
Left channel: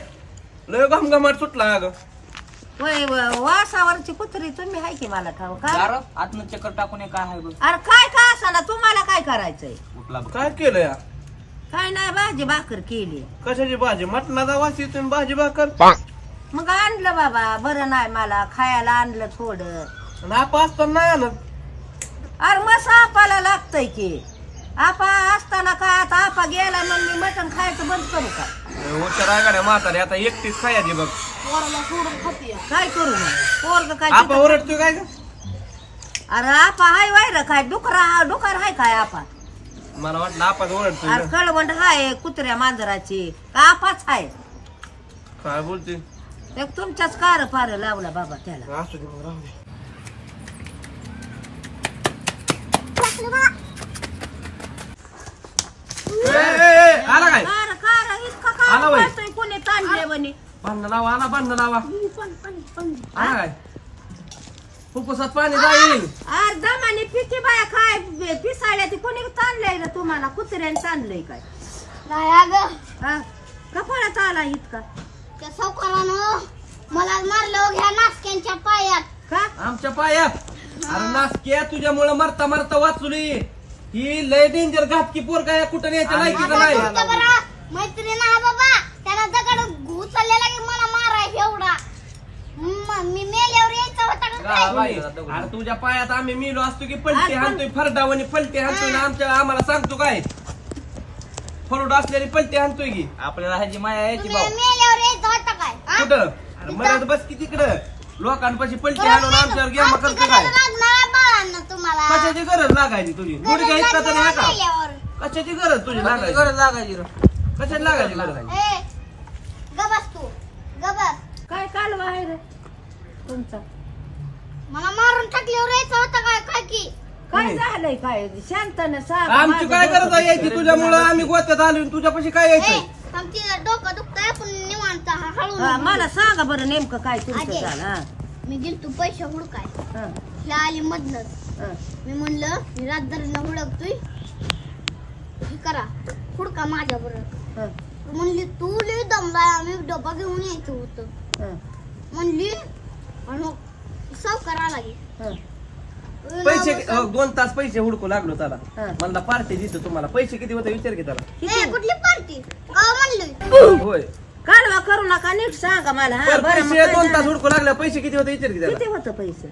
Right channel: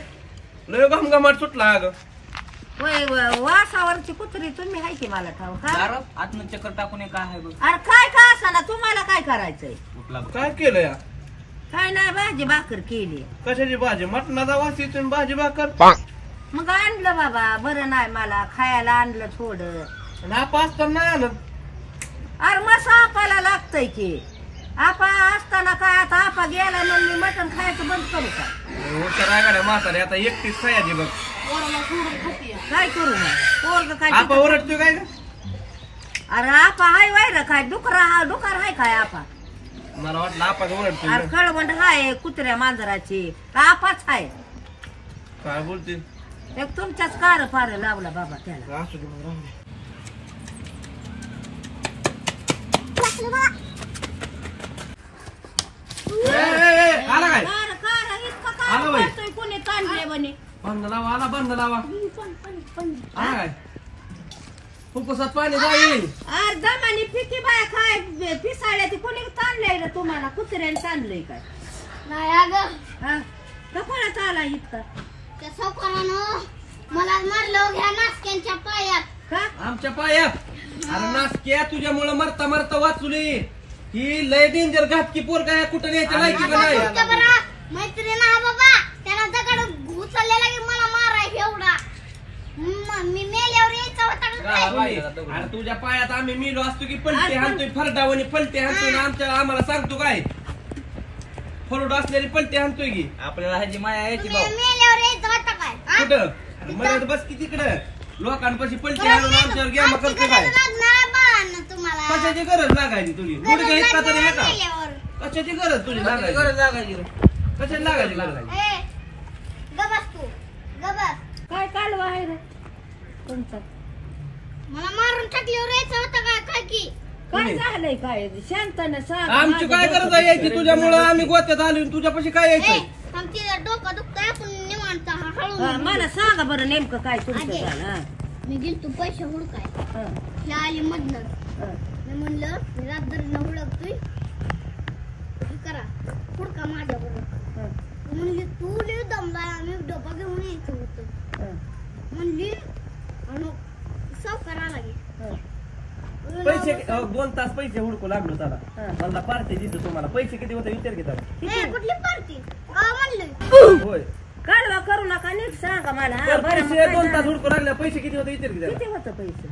लय घमघमाट सुटला अगं होय वासावरची कुत्री तुम्ही हाय की मला ठाव का आत्मचक्कर टाकून काय आहे बघ अरे काय का असा ना तुम्हाला काय करायचंय काय केलं या काय नाही भाजी भाकर केली कशाची भाजी मटणाचा वास येतो भाजी भाकर मग आणलं बाबा बरं नाही मला खायला आणलं थोडं नापा असताना नाही आलं अरे मसा आपाला लागतंय की आपा असताना काय आता आपा गेला मग मी मटण खायचं बंद करू का हुशार आहे गाड्या म्हातारे आता एकटीच खायची बघ काय करू मग पोरग काय आपा ओरडतोय काय का अरे आपा हाय वायर काय डुकर हाय काय आपा मला वाटलं आपाच ओरडतोय अरे कळवंड हाय कुत्र्या मांजराची का आपाच हाय काय बोलते एक तुमच्याच कार पार लावला बाबा त्याला असू दे मग राहू दे आला काय कार कार इतका आला बाई. कार करतोय कोणी ताणले म्हणे बांध लावा आला बांध लावा आला काय फुफ्फुसात पाणी जाईल अरे दमाने पिकी बाया काय पिसाळ्या ती कोणी ताणलंय रे तुम्हाला कुत्र्याने ताणलंय काय नाही अगं हा कपाळात आला इतका त्या सावकारानं मला मारलं घ्या नासक्यांच्या पायात का आमच्या पायात अरे नासक्या तुझ्यामुळे मरता मरता वाचली ही लय डेंजर घातकी पोर काय कुठं न्यायची लायकी का नाही तुमच्या बरं मैत्रीण हा बाबा त्याला दगड उचललेला की मला माराय एवढा मी मेल्यावर यायचा होता का काय? अरे तुझ्या पायात आम्ही मिलो असतो की पलटी हाणतोय फरडावणी पलटी हाणतोय ना आम्हाला सांगतो काय फरड असलेली पलटी हाणतोय की आपल्याला ह्याची माया यायची तुम्ही मेल्यावर यायचा होता काय हा? कुठं अरे मरत बस की तिकडं लोकांपाशी पलटी हाणून आमच्यावर गेमा करतो काय लागणार बाळांना तुम्हाला कशाची गरज लागायची तुझी गुडघ्या इतका तरी हा का मेल्यावर. कशाची गरज तुझी लागायची गरज लागायची रे. कशाची लागायची गरज ए गबस तू गबस काय कालवा आहे रे तुमचा मला मारून टाकल्यावर यायचं होतं काय काय की काय झालंय काय शांताने सांग आमची काय गरज आहे यायची तुझ्यामुळं आम्ही गोत्यात आलो तुझ्यापाशी काय यायचंय आमची डोकं दुखतंय आपण निवांत हळू हा, मला सांगा बरं नेमकं काय तुमचं आजी. झालं हा, मी गेलतो पैसे हुडकाय हा, ह्या आली मधनच हा. मी म्हणलं मी रातभरनं हुडकतोय हे करा हुडका माझ्या बरोबर हा, म्हणली तू लई दमलाय आम्ही डबा घेऊन यायचं होतं हा, म्हणली आणि सावकार आला की हा. पैसे 2 तास पैसे हुडकू लागलो त्याला हा. मला पार्टी देतो तुम्हाला पैसे किती होते विचार की त्याला ए कुठली पार्टी गाव म्हणली होय कालवा करू नका नीट सांगा मला हा, तर बरं, मग पैसे काय 2 तास झालं? हुडकू लागले पैसे किती होते विचार की त्याला किती होतं पैसे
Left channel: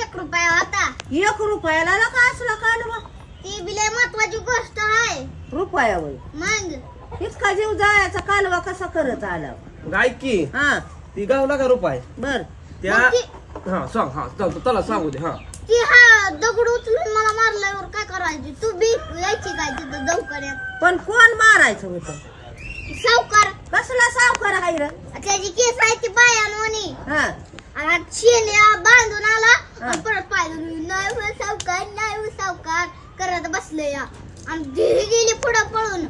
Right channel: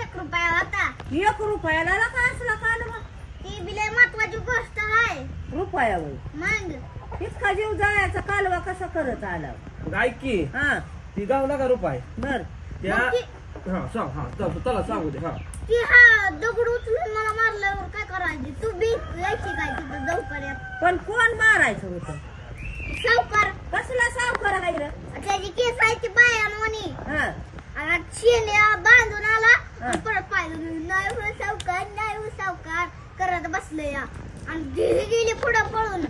1 रुपया होता 1 रुपयाला का असला कालवा ती बी लय महत्वाची गोष्ट आहे. रुपयावर मग इतका जीव जायचा कालवा कसा करत आला? मग ऐक की हा ती गावला का रुपाय बर त्या मग ती- हा सांग हा चला सांगू दे हा की हा दगड उचलून मला मारल्यावर काय करायची? तू बी यायची काय तिथं दवाखान्यात? पण कोण मारायचं होतं? सावकार कसला सावकार आहे रे? त्याची केस आहे ती बायांवानी हा आणि शेण्या बांधून आला हा. आणि परत पाहिलं नाही हो सावकार नाही हो सावकार करत बसले या आणि गेली पुढं पळून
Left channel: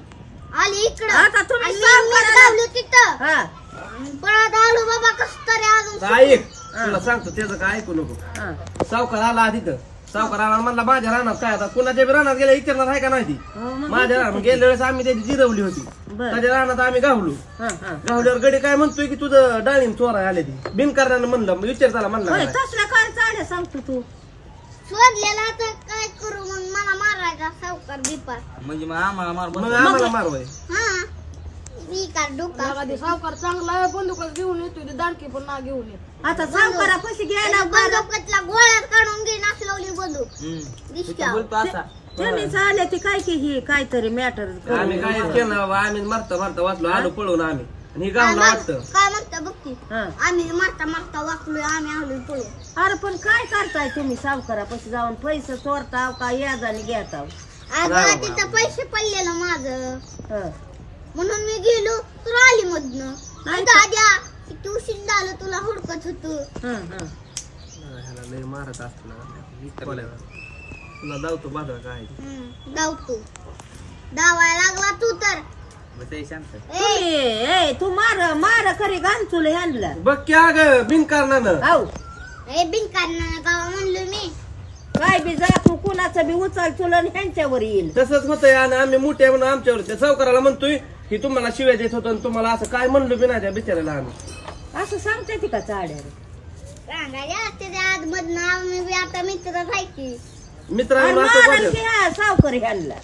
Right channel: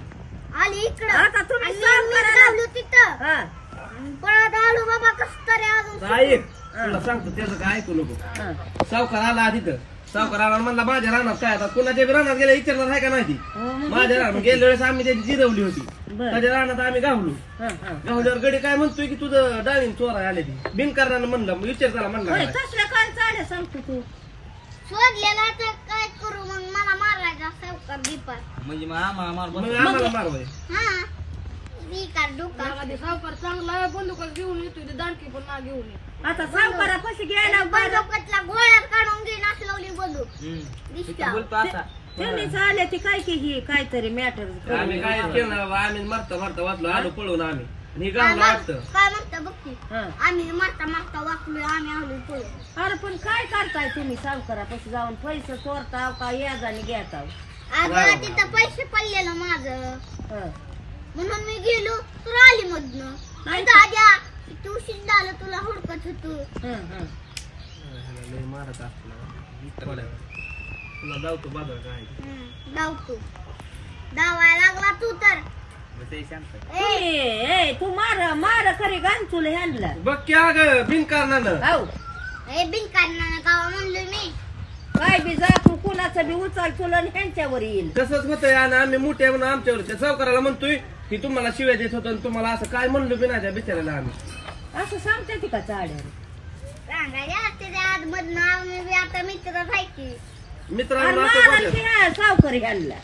आली इकडं आता तुम्ही आणि मी सावकाराला- लावलं तिथं हा आणि पळत आलो बाबा कस तरी अजून ऐक तुला सांगतो त्याचं काय ऐकू नको हा सावकार आला तिथं सावकार आला म्हणला माझ्या रानात काय आता कुणाच्या बी रानात गेला विचारणार आहे का नाही ती हो, मग माझ्या रानात गेल्या वेळेस आम्ही त्याची जिरवली होती बरं. त्याच्या रानात आम्ही गावलो हा, हा. गावल्यावर गडी काय म्हणतोय की तुझं डाळिंब चोरा आले ती बिनकारणानं म्हणलं विचार त्याला म्हणला होय, काय? कसल्या काय चाले सांगतो तू? सोडलेला तर काय करू मग मला मारायचा सावकार दीपा म्हणजे मग आम्हाला मार मग आम्हाला मारवाय हा मी का डोका कधी सावकार चांगला आहे बंदुका घेऊन येतो ती दांडकी पण ना घेऊन येत. आता सावकारा पैसे घ्यायला बरं. बंदुकातला गोळ्या काढून घेईन असं लावली बंदूक दिसत्या बोलतो असा तुम्ही चालले ती काय की ही काहीतरी मॅटर आम्ही काय केलं आम्ही मारता मारता वाचलो आलो पळून आम्ही आणि हे गावला वाटतं काय म्हणता बघ की हा. आम्ही मारता मारता वाचलोय आम्ही आलोय पळून अरे पण काय करताय तुम्ही सावकारा पैसे जाऊन पैसे चोरताव का याजाने घेताव? अगं तिथं पैसे पडलेलं माझं हा. म्हणून मी गेलो तर आली मधनं नाही दाद्या किती उशीर झालं तुला हुडकत होतो हं, हं. ह्याला लय मारत असतो तुला जाऊतो बाजार काय धावतो धावायला लागला तू तर शांत ए तू मार खरी गांचुल ह्यांना बघ की अगं बिनकारणानं हो ए बिनकांना गावा म्हणलो मी काय बी जा तू कुणाचं बी उचल तुला ह्यांच्यावर येईल. तसंच होतंय आणि आम्ही मोठे म्हणून आमच्यावर त्या सावकाराला म्हणतोय की तुम्हाला शिव्या देत होतं आणि तुम्हाला असं काय म्हणलो बी नाही त्या बिचारायला आम्ही असं सांगते ती का चाड्यावर? सांगायला त्याच्या आत मधनं आम्ही बी आता मित्र राहायची मित्रांना असं बोलत. सावकर ह्यांना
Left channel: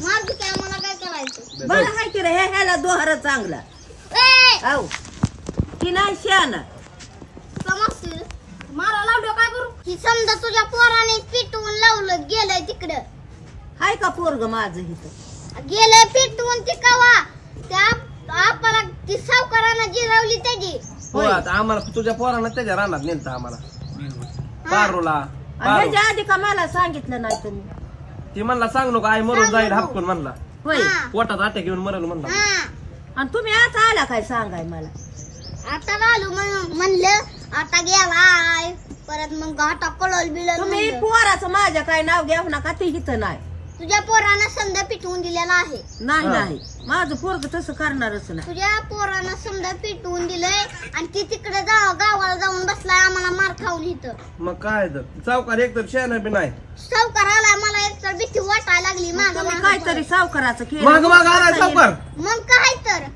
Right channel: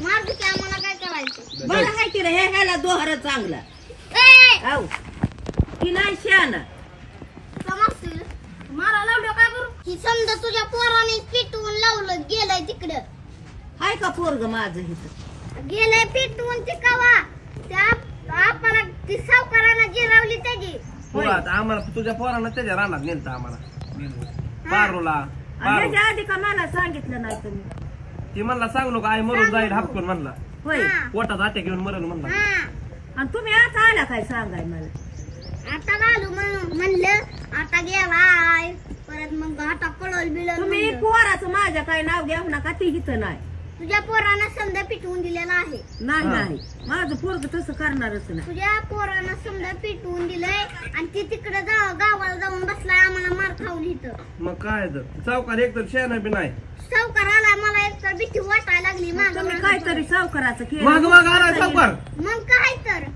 मारतो की आम्हाला काय करायचं बरं हाय की रे ह्याला दोहार चांगला ए हो की नाही शहाणा समजतील मारा लावलं काय करू? की समजा तुझ्या पोराने पिटवून लावलं गेलंय तिकडं हाय का पोरग माझं इथं? गेलंय पिटवून ती कवा त्या आपल्याला ती सावकारानं जिरवली त्याची हो आता आम्हाला तुझ्या पोरानं त्याच्या रानात नेलता आम्हाला पारूला आणि पारू ह्याच्या आधी का मला सांगितलं नाही तुम्ही? ती म्हणला सांग नको आई मरून जाईल हापकून म्हणला होय हा. पोटात अटॅक येऊन मरेल म्हणला हा आणि तुम्ही आता आला काय सांगाय मला? आता आलो मग म्हणलं आता गेलाय परत मग आता कळल बिळल तुम्ही म्हणलं. पोराचं माझ्या काय नाव घ्या नका ते इथं नाही तुझ्या पोरानं समजा पिटवून दिलेला आहे नाही हा. नाही माझं पोरग तसं करणारच नाही. तुझ्या पोरानं समजा पिटवून दिलंय आणि ती तिकडे गावाला जाऊन बसलाय आम्हाला मार खावली तर मग काय तर चौकार एक तर शहाणा बी नाही सावकाराला मला एक तर भीती वाटायला लागली तुम्ही काहीतरी सावकाराचं माग केलं माग आलाय सावकार मग काय तर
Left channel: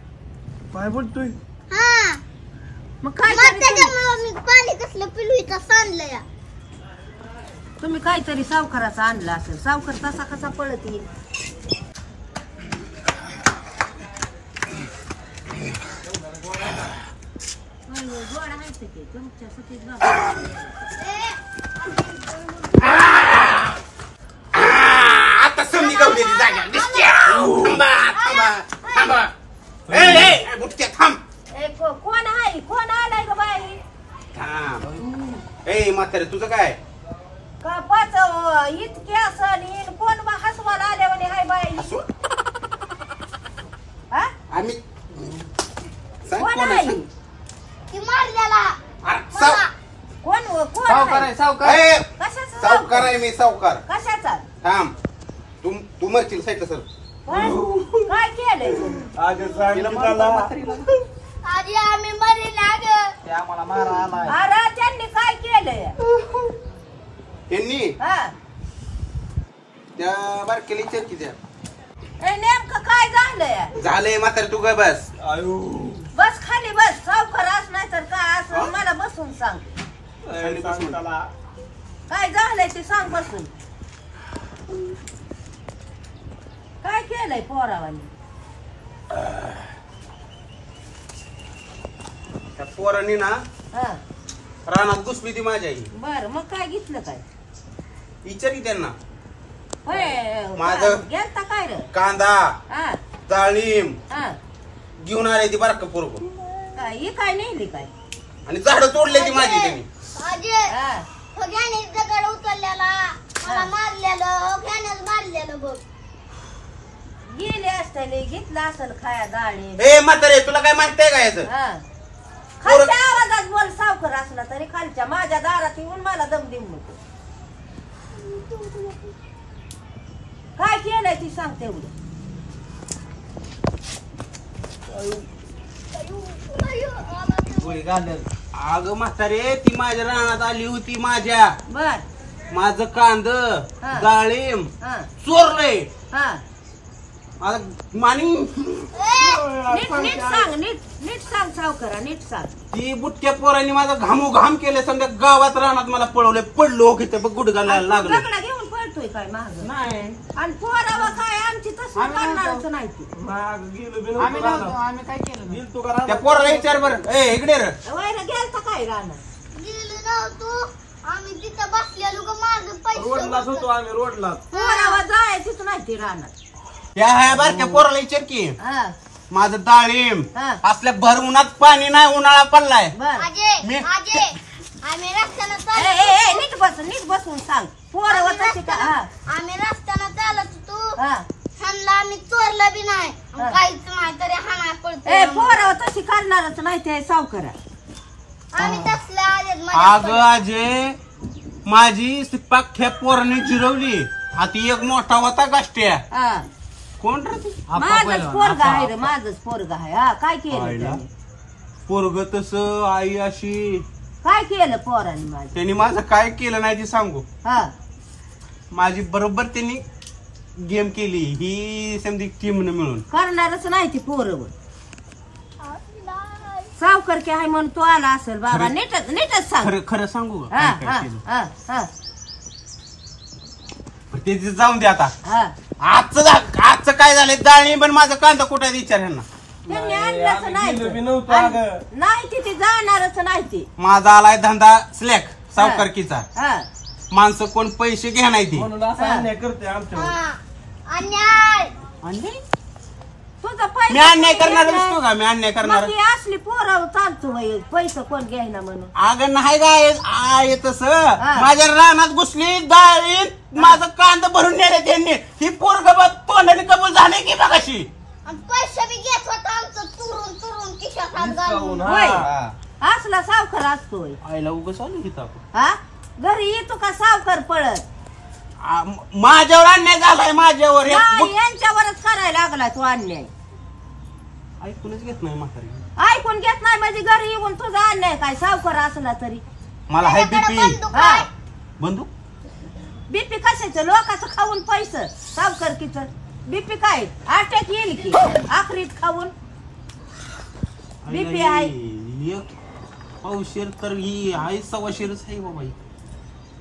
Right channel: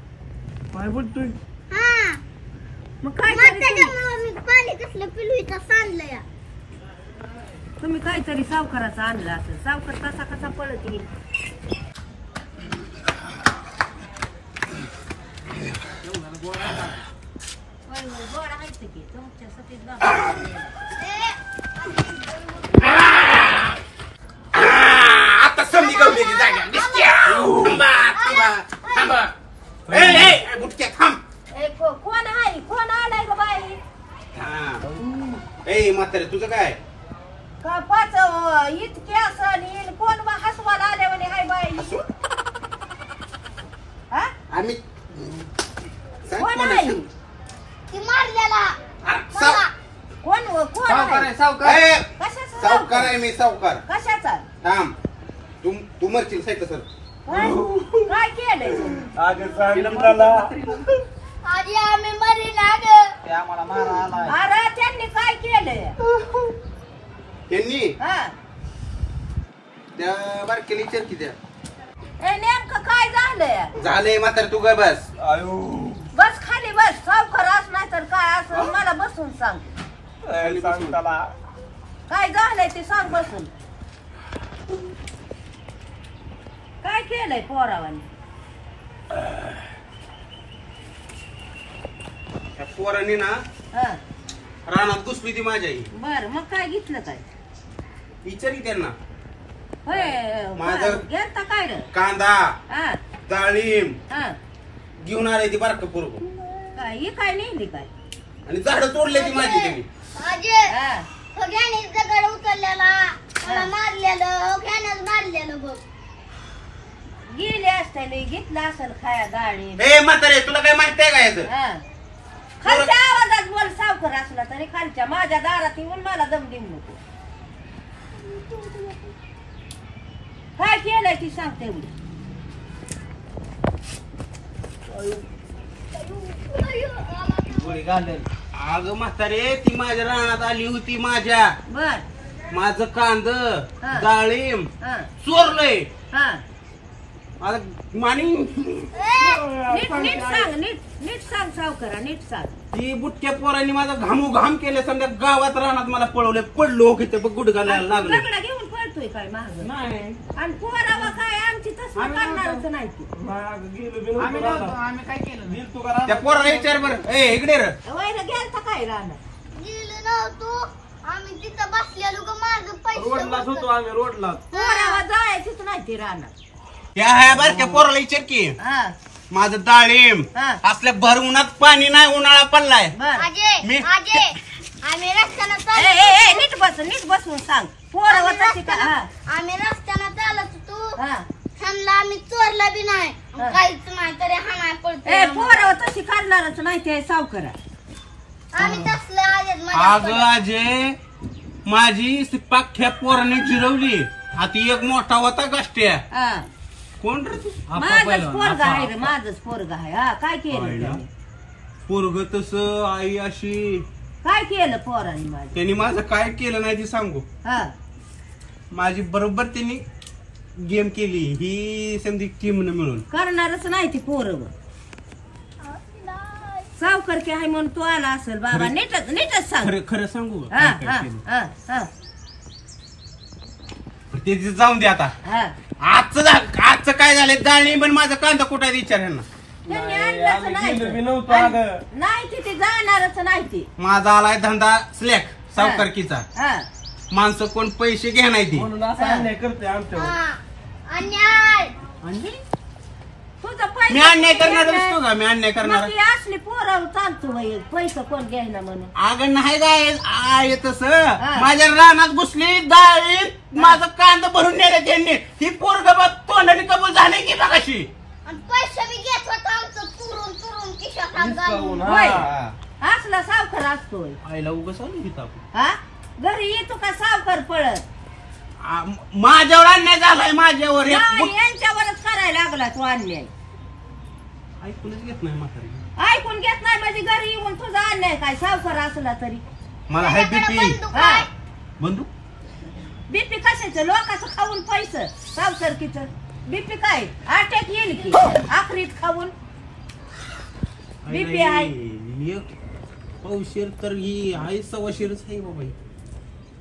काय बोलतोय हा मग काय मग तरी त्याच्यामुळे मी पाणी कसलं पिलवीचं सांडलं या तुम्ही काहीतरी सावकाराचं आणलं असेल. सावकार तसा कसा पळत येईल? आता समजी गावली ती जागा दिसते. थांबा. ए, बुटक्या थांब. कोण आहे? कोण आलाय ग बाई? थांब. ए म्हातारे तुझं काय का पाच इतके असं कोण हसवाला आले म्हणे हाय बाई? हा? आम्ही सांग कोण कोण आहे? असेल? ती मारलेला अरे, साव- कोण कोण सावकार आहे? आहे सावकार ए, कशाचा सावकार आहे मी सावकार कशाचा? थांब तू मरशील साईड सर काय केलंय तुम्ही? आधी आम्ही मरी लाग ते आम्हाला मारा आलाय अरे त्यांनी काय केलंय? त्यांनी हा? त्या बारकेली चरकी त्या ए, नेमकं काय झालंय? झालंय म्हातारे तू ग बस बस खाली बस. सावकार अस नाही तर काय असं मला बसून सांग. काय झालंय ते सांग बसून. काय केलंय पोरावानी? त्या पोरांनी ना हा रानात घुसली ती माझ्या आई बर मग काय घेतलं काय? विचारी त्यांना होय माझं- गेलता काय रे कांदा हा डाळिंब हा घेऊन आले ती बारक पोरग काय ही काय नेली काय आणि झाडं तोडले ती माझी त्यांनी. अजय हा हो घ्याने दगड उचललेला मला मारलेलं हो घ्यानच मारलेलं बघ गेले असते घेतलं असेल खाया गाडी ए म्हातारे तुला काय माहितीये का याचं हा खालच्या आवाजात बोल सावकर असला तरी खालच्या माझ्या दारात येऊन मला दम देऊ नको काय केलंय ती सांगते उद्या गोळी घालेल. अगं म्हातारे ती माझ्या रानात आली होती माझ्या बर माझं कांद हा. डाळिंब हा चोरलंय हा आता मानी नीट नीट सांग नीट सांग सावकरा नीट सांग ती बुटक्या पोरांनी माझा घामोघाम केले समजा गावात रानात मला पळवले पडलो की ते गुडघाला लागलो दगडा घेऊन पळतोय काय माग नाही आणि पोरावा काय आमची तसं करणारच नाही ती आम्ही काय केलं त्या पोराला विचार बरं ए इकडे रे वैर गेलता काय राहणार गेलो नव्हतो आम्ही तिथं बसलेलो ग माझं पैसे रोडलाच होतो आम्ही रोडला. पोरावा जायचीच नाही ती राहणार त्या आहे बरं त्या पोराला विचार की हा माझं डाळिंब हा. असल्या भर उन्हात पाणी नाही उन्हाळा पडलाय बर अजय आम्ही रस्त्यानं ए, चालत ए, ए, नीट बसून सांग पोरावा तशी का हा आम्ही रस्त्यानं चालत होतो हा ह्यांना आम्ही चोरलं बी नाही हा. काहीच नाही तरी हाणाय ए पडतो पोरावा तशी करणारच नाही ते सावकरा आम्ही तसले आहेत अगं अजय माझी पाख्या पोरांनी जिरवली आता एक मोठा होता गाष्ट्या हा कोण रे माझंच पोरगा आहे रे माझंच पोरगा आहे हा काय केलं आईला? त्याने पोरग तस आई अशी काय केलं पोराने माझं त्यांनी माझं काय केलं नाही ते सांगू हा माझी बरोबर त्यांनी गेम केली ही संधी टीम मिळून करणारच नाही ती पोरं सावकर की आहे म्हणून तो आला असेल बाबा नीटच सांग खरं खरं सांगू का हा काय हा काय केलं? हा हा ते तिथे जाऊन दे आता हा आजचं काय झालंय डाळिंब आणि माझा कांदा कुठे आहे विचार ह्यांना त्यांनी आणलंच नाही गेलो बी नव्हतो अगं. नाही ती जाणारच नाही ती माझा आलाय धंदा स्लॅक सावकारकीचा हा माणसं कोण पैसे घ्या नाही ती म्हणून असा अन्याय करते आमच्यावर. अन्याय आणि तुझा पैसा मी अन्याय कोण करणार घेणार? नसतो का मी अन्याय करणार मग ती असली पोरं चालतो बाई पैसा कोण घ्यायना म्हणून अगं नाही काय आहे तस हा. माझ्या रानात घुसली डाळीत माझं कांदा भरून नेले त्यांनी ही पोरग तोंडाने कबूल झाले की बघाशी आणि पैसे बी घेत होता आमचं चुरून खिशात हात घालून होय हा. असला सावकार असतोय आईला उगाच आलो की आपण हा घरी येतो का सावकार पळत माझ्यावर अन्याय झालाय माझ्यावर एक नाही, बुट- यांच्यावरच करायला लागला तू अन्याय ऐकूनच घेत नाही म्हातारी ऐकून घेत नाही म्हणजे घरी येऊन तुझा अन्याय काय सावकार असला तरी मला हाय त्याच्याकडे बीपी बंदूक हा आहे. बंधू बीपी कशाचं लोकांचं खाऊन पैसे सावकारकीच बीपी काय अटॅक येईल की आखरीत खाऊन बीपी आहे एक पावशेर तर ही आहे सव्वाशेरच आहे बाबा ही.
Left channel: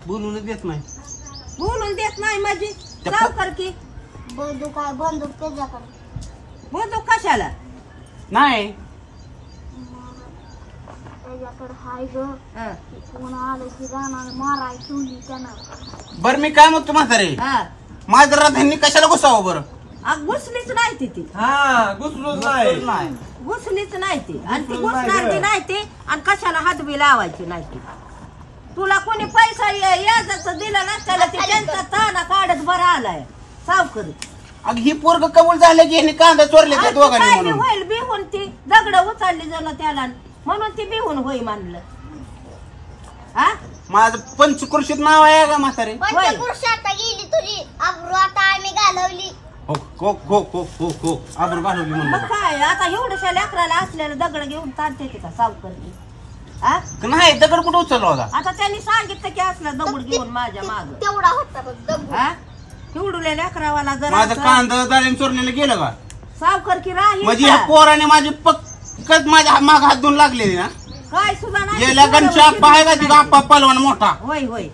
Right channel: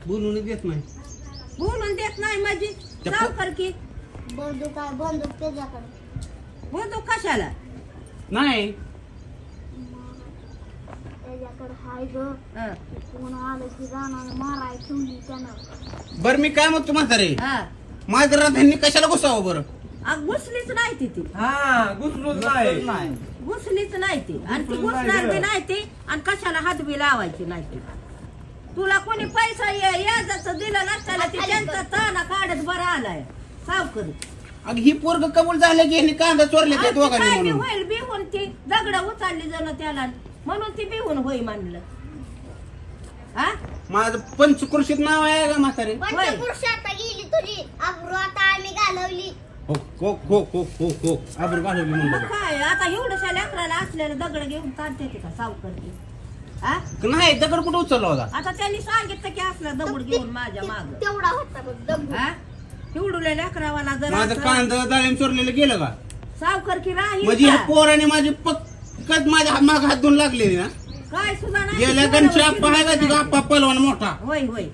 बोलूनच देत नाही बोलून देत नाही म्हणजे सावकारकी बंदूक आहे बंदूक त्याच्याकडे बोलतो कशाला नाही त्याच्याकडे हाय ग हा, कोण आलं की जाणार माराय ठेवली त्यानं बर मी काय म्हणतो म्हातारे हा माझ्या राधांनी कशाला घुसावं बरं घुसलीच नाही ती हा घुसलोच नाही. घुसलीच नाही ती आणि ती घुसणार बी नाही ती आणि कशाला हात बी लावायची नाही ती तुला कोणी पैसा याजाचं दिला नसताना ते त्यांचा ताना काढत बरा आलाय सावकरी अग ही पोरग कबूल झालं की ह्यांनी कांदा चोरले त्या आणि ती दोघांनी काय बी म्हणून होईल बिहून ती दगड उचलली जण त्याला म्हणून ती बिहून होई मानलं हा माझं पंचकृषीत नाव आहे का म्हातारे पंचपुरुष आता गेली तुझी अब्रू आता आम्ही घालवली हो हो हो हो हो हो आबरू घालवली मग म्हणलं काय आता एवढ्याशा लेकराला असलेलं दगड घेऊन ताणते ते का सावकरी हा नाही दगड कुठं उचलला होता आता त्यांनी सांगितलं की असला दगड घेऊन माझ्या माग तेवढा होता बघ दगड हा एवढुल्या लेकरावाला जर माझं कांदा डाळिंब चोरलेलं गेलं का सावकर की राहील म्हणजे का? ह्या पोराने माझी पक्कत माझ्या माग हात धुवून लागलेली ना काय सुद्धा नाही गेल्या गणच्या आप्पा आहे का तिथं आप्पा पलवान मोठा होय होय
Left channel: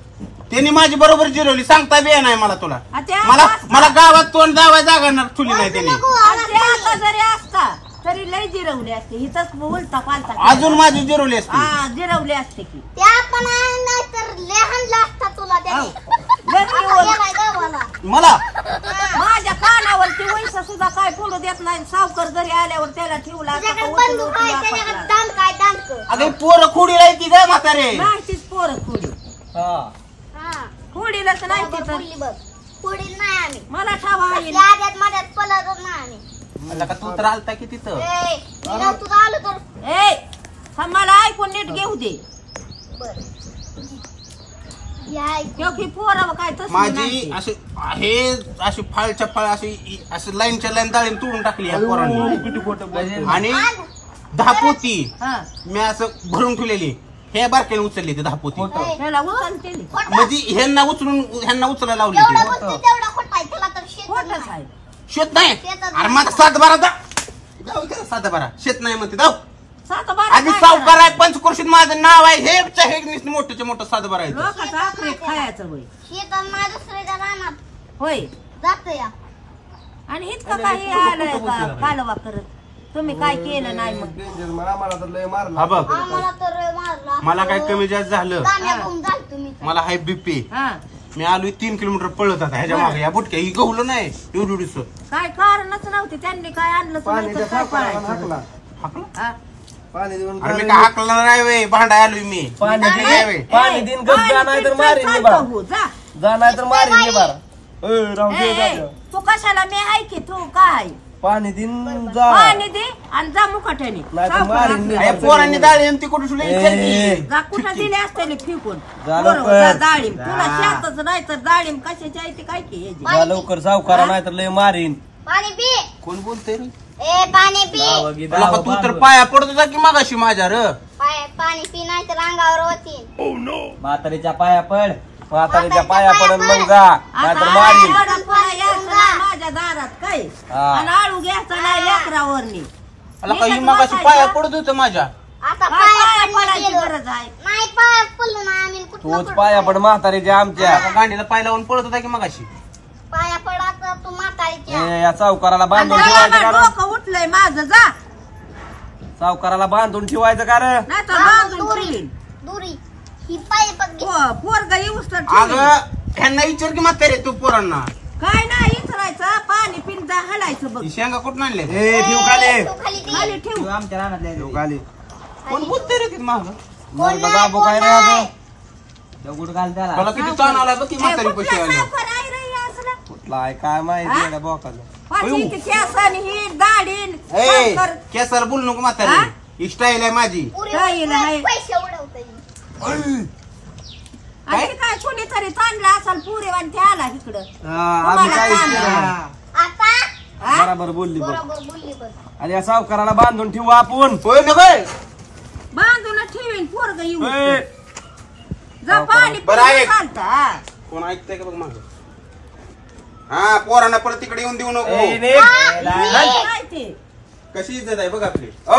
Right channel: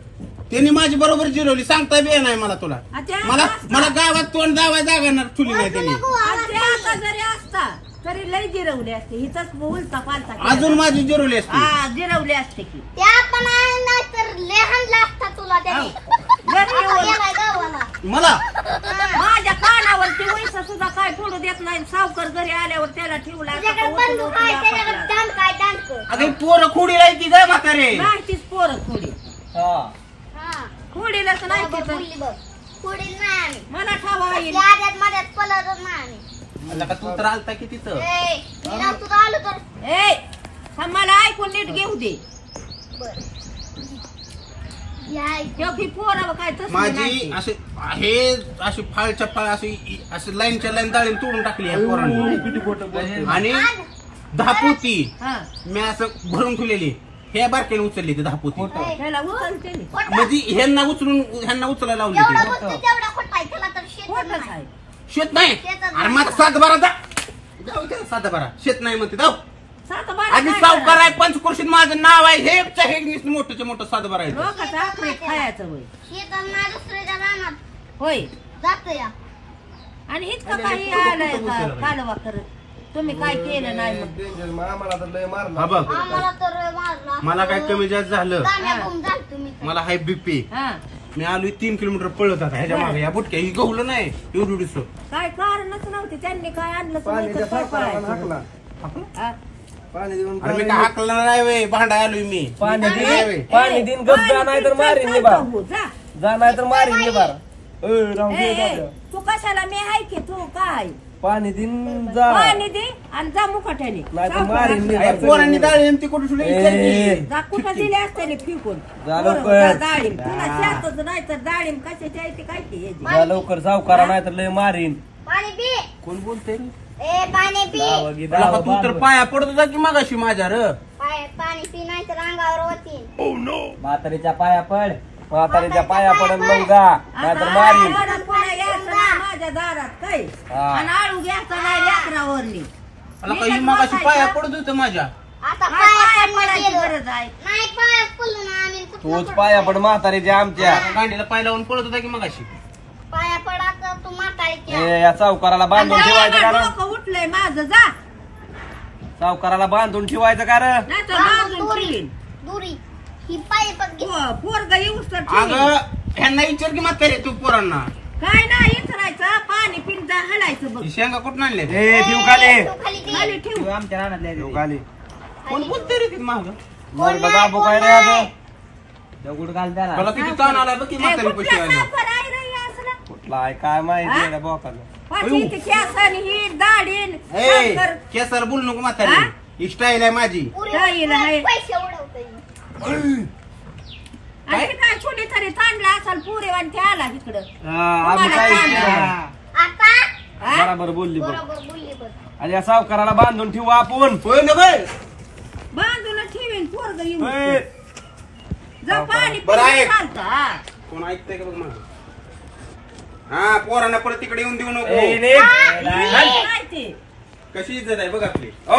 त्यांनी माझी बरोबर जिरवली सांगता बी नाही मला तुला आ त्या मला असता. मला गावात तोंड दावा जागा ठुली नाही त्यांनी आणि ते आता जरी असता तरी लय जिरवले असते हिथंच उलटा पालता केला. अजून माझी जिरवली असती हा जिरवले असते की त्या पण नाही तर लहान लागता तुला त्याने घरी येऊन गेलाय गावाला मला माझ्या कानावरती वैसा सुद्धा काय फोडू देत नाही. सावकर घरी आल्यावर त्याला ठेवला त्याच्याकडे बंदूक आहे, त्याच्याकडे दांड काय दांडक. अगं पोरं खोडी राहायची ग म्हातारे. नाही तीच पोरं खोडी हा खोडीलाच नाही बरोबर तिथं. बोलली बघ. पुढील नाही आम्ही. मला ठावा येईल. त्या आद्यात मध्यात पळतच नाही आम्ही. मला का तू तर आलता की तिथं ए, मी नव्हतो तर आलो तर. ए हा मला ऐकून नीट घेऊ दे. बरं. या ऐक. क्योंकि पोरं काय तसं माझी नाही. असे हे अशी फाळच्या फाळ अशी लाईनच्या लाईन डाळिंब तोडून टाकली या पोरांनी. आणि 10 पोती हा मी असं भरून ठेवलेली. हे बारक्याने उचलली ते 10 पोती. त्याला उचलते नी. म्हणजे ह्यांना उचलायला लावली जेवढा ती. बघतो तेवढा खोटा आहे. त्याला तर शेतच खोटंच नाही. आहे. शेत नाही. शेतात अरे माझा 7-12 जाऊ दे 7-12 शेत नाही म्हणते जाऊ. सात बारा आणि काय सावकार करायचं? आहे पंचकृषीत माझं नाव आहे. हे मोठं मोठं 7-12 आहे. लोकांचं आखरे खायचं होय. शेतात नाही दुसऱ्याच्या रानात होय जात या. आणि इतकं काही आलंय का कालवा करत. तुम्ही काय केलं नाही मग. हा बघ आम्हाला तर मारला. मला काय कमी जास्त झालं. दाम्या गुम झालं तुम्ही तर. मला हाय बीपी. हा मी आलो 3 किलोमीटर पळत आता ह्याच्या मागे. या बुटक्या ही गवलं नाही एवढीस. काय कारणच नव्हते. त्यांनी काय आणलं नाही तर काय पाहायचं. हा? मी काय हाकला नाही वे भांडा आलोय मी. पाणी नाही वे. दिन पाणी दिन गप जा नाही तर मारीन मी बारा. हो, जा. जा नाही तर मारीन मी बारा. राहू ए, दे ए, जा. तू कशाला मी आहे की तू काय पाणी दिन जा पाणी दे आणि जा मुकाट्याने. नाही तर मारीन मी अरे पोरांनी डाळिंब ती कुठे सुद्धा ए. जा कुठं दिले असते फिकून. जा बरोबर, लवकर. जा डाळिंब. तुला शेतच नाही तर डाळिंब कशाची आहे ती काय की ह्याची. जा लवकर सावकारा नाही तर लय मारीन. पाणी पी. कोण बोलतोय रे? ए पाणी पी. दावा गी, तुला दावा का तू तर बांधून. पाया पडत होता की मागाशी माझ्या र. पाणी पी नाही तर अंगावर होती. म्हातारीच्या पाया पड. म्हातारीच्या पाया पडून मग जा नाही तर मारीन. आता वडा यायचं नाही माझ्या दारात काय हा. आणि आळू घ्यायचा नाही लेकरावरनी. मला काही मागाशी पाया पडत होतं माझ्या. आता काय पाया पाया पडायची गेलो. गरज आहे. नाही पायात पडलो ना आम्ही. कुठलं तूच पाया पड म्हातारीच्या आमच्या. गांडीला पाय लावून पळत होता की मागाशी. पाया पडायचं तू म्हातारीच्या. ए, या सावकाराला बांधून आणि ठेवायचं डोकं कारण. उठलंय माझं जा सावकाराला बांधून ठेवायचं कारण. नाही तर बांधून ठेवीन. दुरी ही पाय पड. पोरग येऊस तर अगं ठेवीन. ह्यांना विचार की म्हातारे तू पोरांना. काय नाही इचरायचं पाणी पिंजा हलायचं बघ. ही शेंगा कुठून आणले? ए ठेव खाली. खाली ती. खाली ठेव. आमच्या रानातल्या खाली. कोण बोलतोय रे ती माग? मग बाबू काय रे आता दगड घाल त्याला. मला किती ताण आला बघ की ए, म्हातारी कुठल्या पैसे आले. साखर आहे रे हे असलं? कुठला आहे काय माहिती आहे बोकाला. पाठी ती केस आणि ही दाढीन ए साखर. केसाला बोलू नको हा? म्हातारी. ही स्टाईल आहे माझी. पुरी काय हिला आहे? पैसे उडवतोय. आणि ते काय कोणीतरी ताणला असाल पुरेवान ते आला इकडं. आम्ही काय तुम्हाला आता हा? बरोबर बोलली बघ. बरोबर बोलली बघ. आणि या सावकाराला बांधून ठेवू आपण. होय ना बाय. बांधून ठेवीन पोरग येऊन ए, जा पाणी बरं आहे. चालता. कोण ऐकतंय का बघ माग. हा पोरांना परत तिकडे येऊन देऊ ए, नको. नीट. काय ते कशी इज्जत आहे बघ आपली. ओ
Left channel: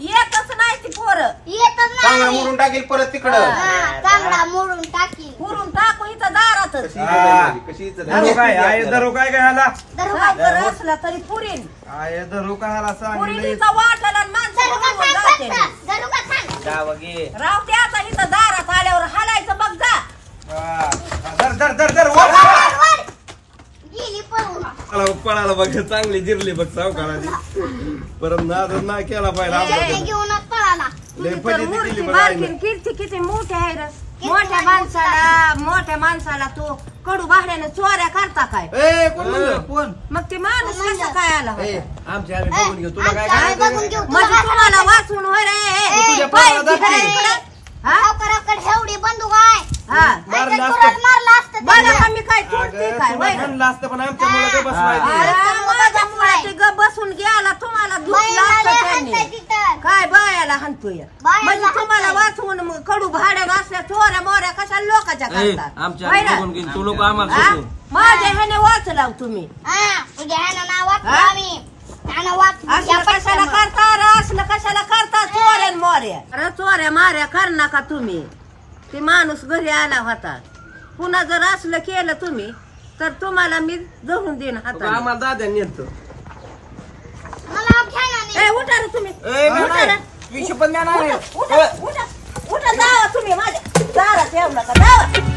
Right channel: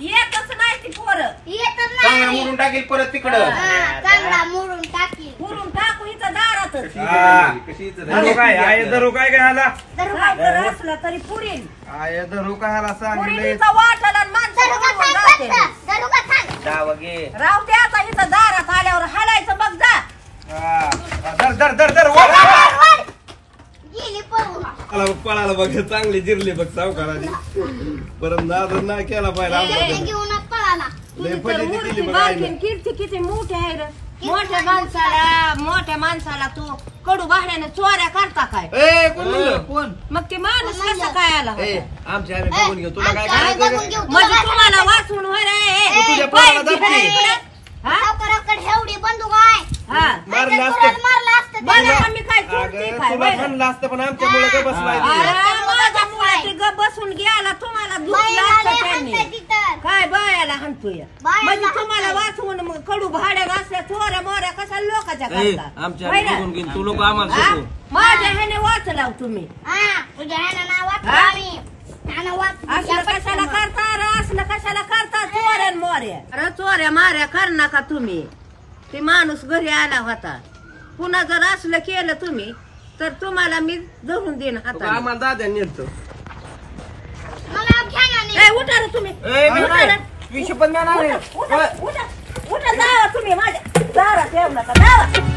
येतच नाही ती पोरं. येतच चांगलं नाही. मोडून टाकेल परत तिकडं. हा, चांगला मोडून टाकील. पुरून टाकू इथं दारातच. कशी इज्जत धरू आहे. काय आहे धरू काय काय ह्याला. साखर असला तरी पुरीन. आहे धरू काय ह्याला सांग. पुरीचा वाटला आणि माणसं धरू का उडवून सांग जाते. फक्त? धरू का सांग? जावं घे. राव ते आता इथं दारात आल्यावर हालायचं बघ जा. धर धर धर धर वर. गेली पळून. पळाला बघ चांगली जिरली बघ सावकाराची. परत नादच नाही केला पाहिजे ते आमचा. घेऊनच पळाला. तुम्ही तर फजिती मूर्ती केली बघ बारकीन आईनं. कीर्ती किती मोठी आहे रे. मोठ्या माणसाला तू कडू भाड्याने चोऱ्या करता काय. ए कोण म्हणलं? कोण? मग ते माणूस कसा काय आला ए होता? आमच्या आम्ही बघून घेऊ. तुला काय आमच्या आम्ही करायचं बघून घेऊ. तुला म्हणजे काय तुम्हाला करायचं? वाचून होय रे. तू तुझ्या पाय पोराला तिकडे दाखव. इकडे. हा? सावकाराकडे एवढी बंदूक आहे. हा. मारलं नाहीतर असतं. तुलाच मारलं असतं बघा त्याला. का मी काय चोरते अगं, काय तुला होय रे? म्हणलं असतं पण आमच्या मुलं काय बसलाय ते. अरे, माझ्या मुळे ते ग बसून गेला तुम्हाला दुखलं बाईला असतं लय त्यांनी. हाणताय तिथं. काय बायाला हाणतोय बायाला म्हणजे तुम्हाला हाणताय. वाचवून मग कडू भाड्या असल्या चोऱ्या मोऱ्या कशा लोकांच्या ए, करतात आमच्या होय आम्ही ना? बघून घेईन. तू लोक आम्हाला हा? शिकव. माझ्या ह्याने वाचलाव तुम्ही हा, तुझ्या ह्यानं नाव वाचलं हा? आम्ही. ह्यानं वाचलं. असलं या कशाला पटकन. करता अरे असलं कशाला करता चोऱ्या न मोऱ्या. अरे चोऱ्या माऱ्या कर नका तुम्ही. ते माणूस घरी आला होता. पुन्हा जर असलं केलं तुम्ही तर तुम्हाला मी धरून देईन हाताने. आम्हाला दाद्या नेतो. मला घ्या ना नाही. ए, उठा रे तुम्ही ए, मी उठा नाही. रे. विषय पण देणार नाही. उठा उठा उठा जावा तुम्ही माझ्या दारात येऊ नका जावा.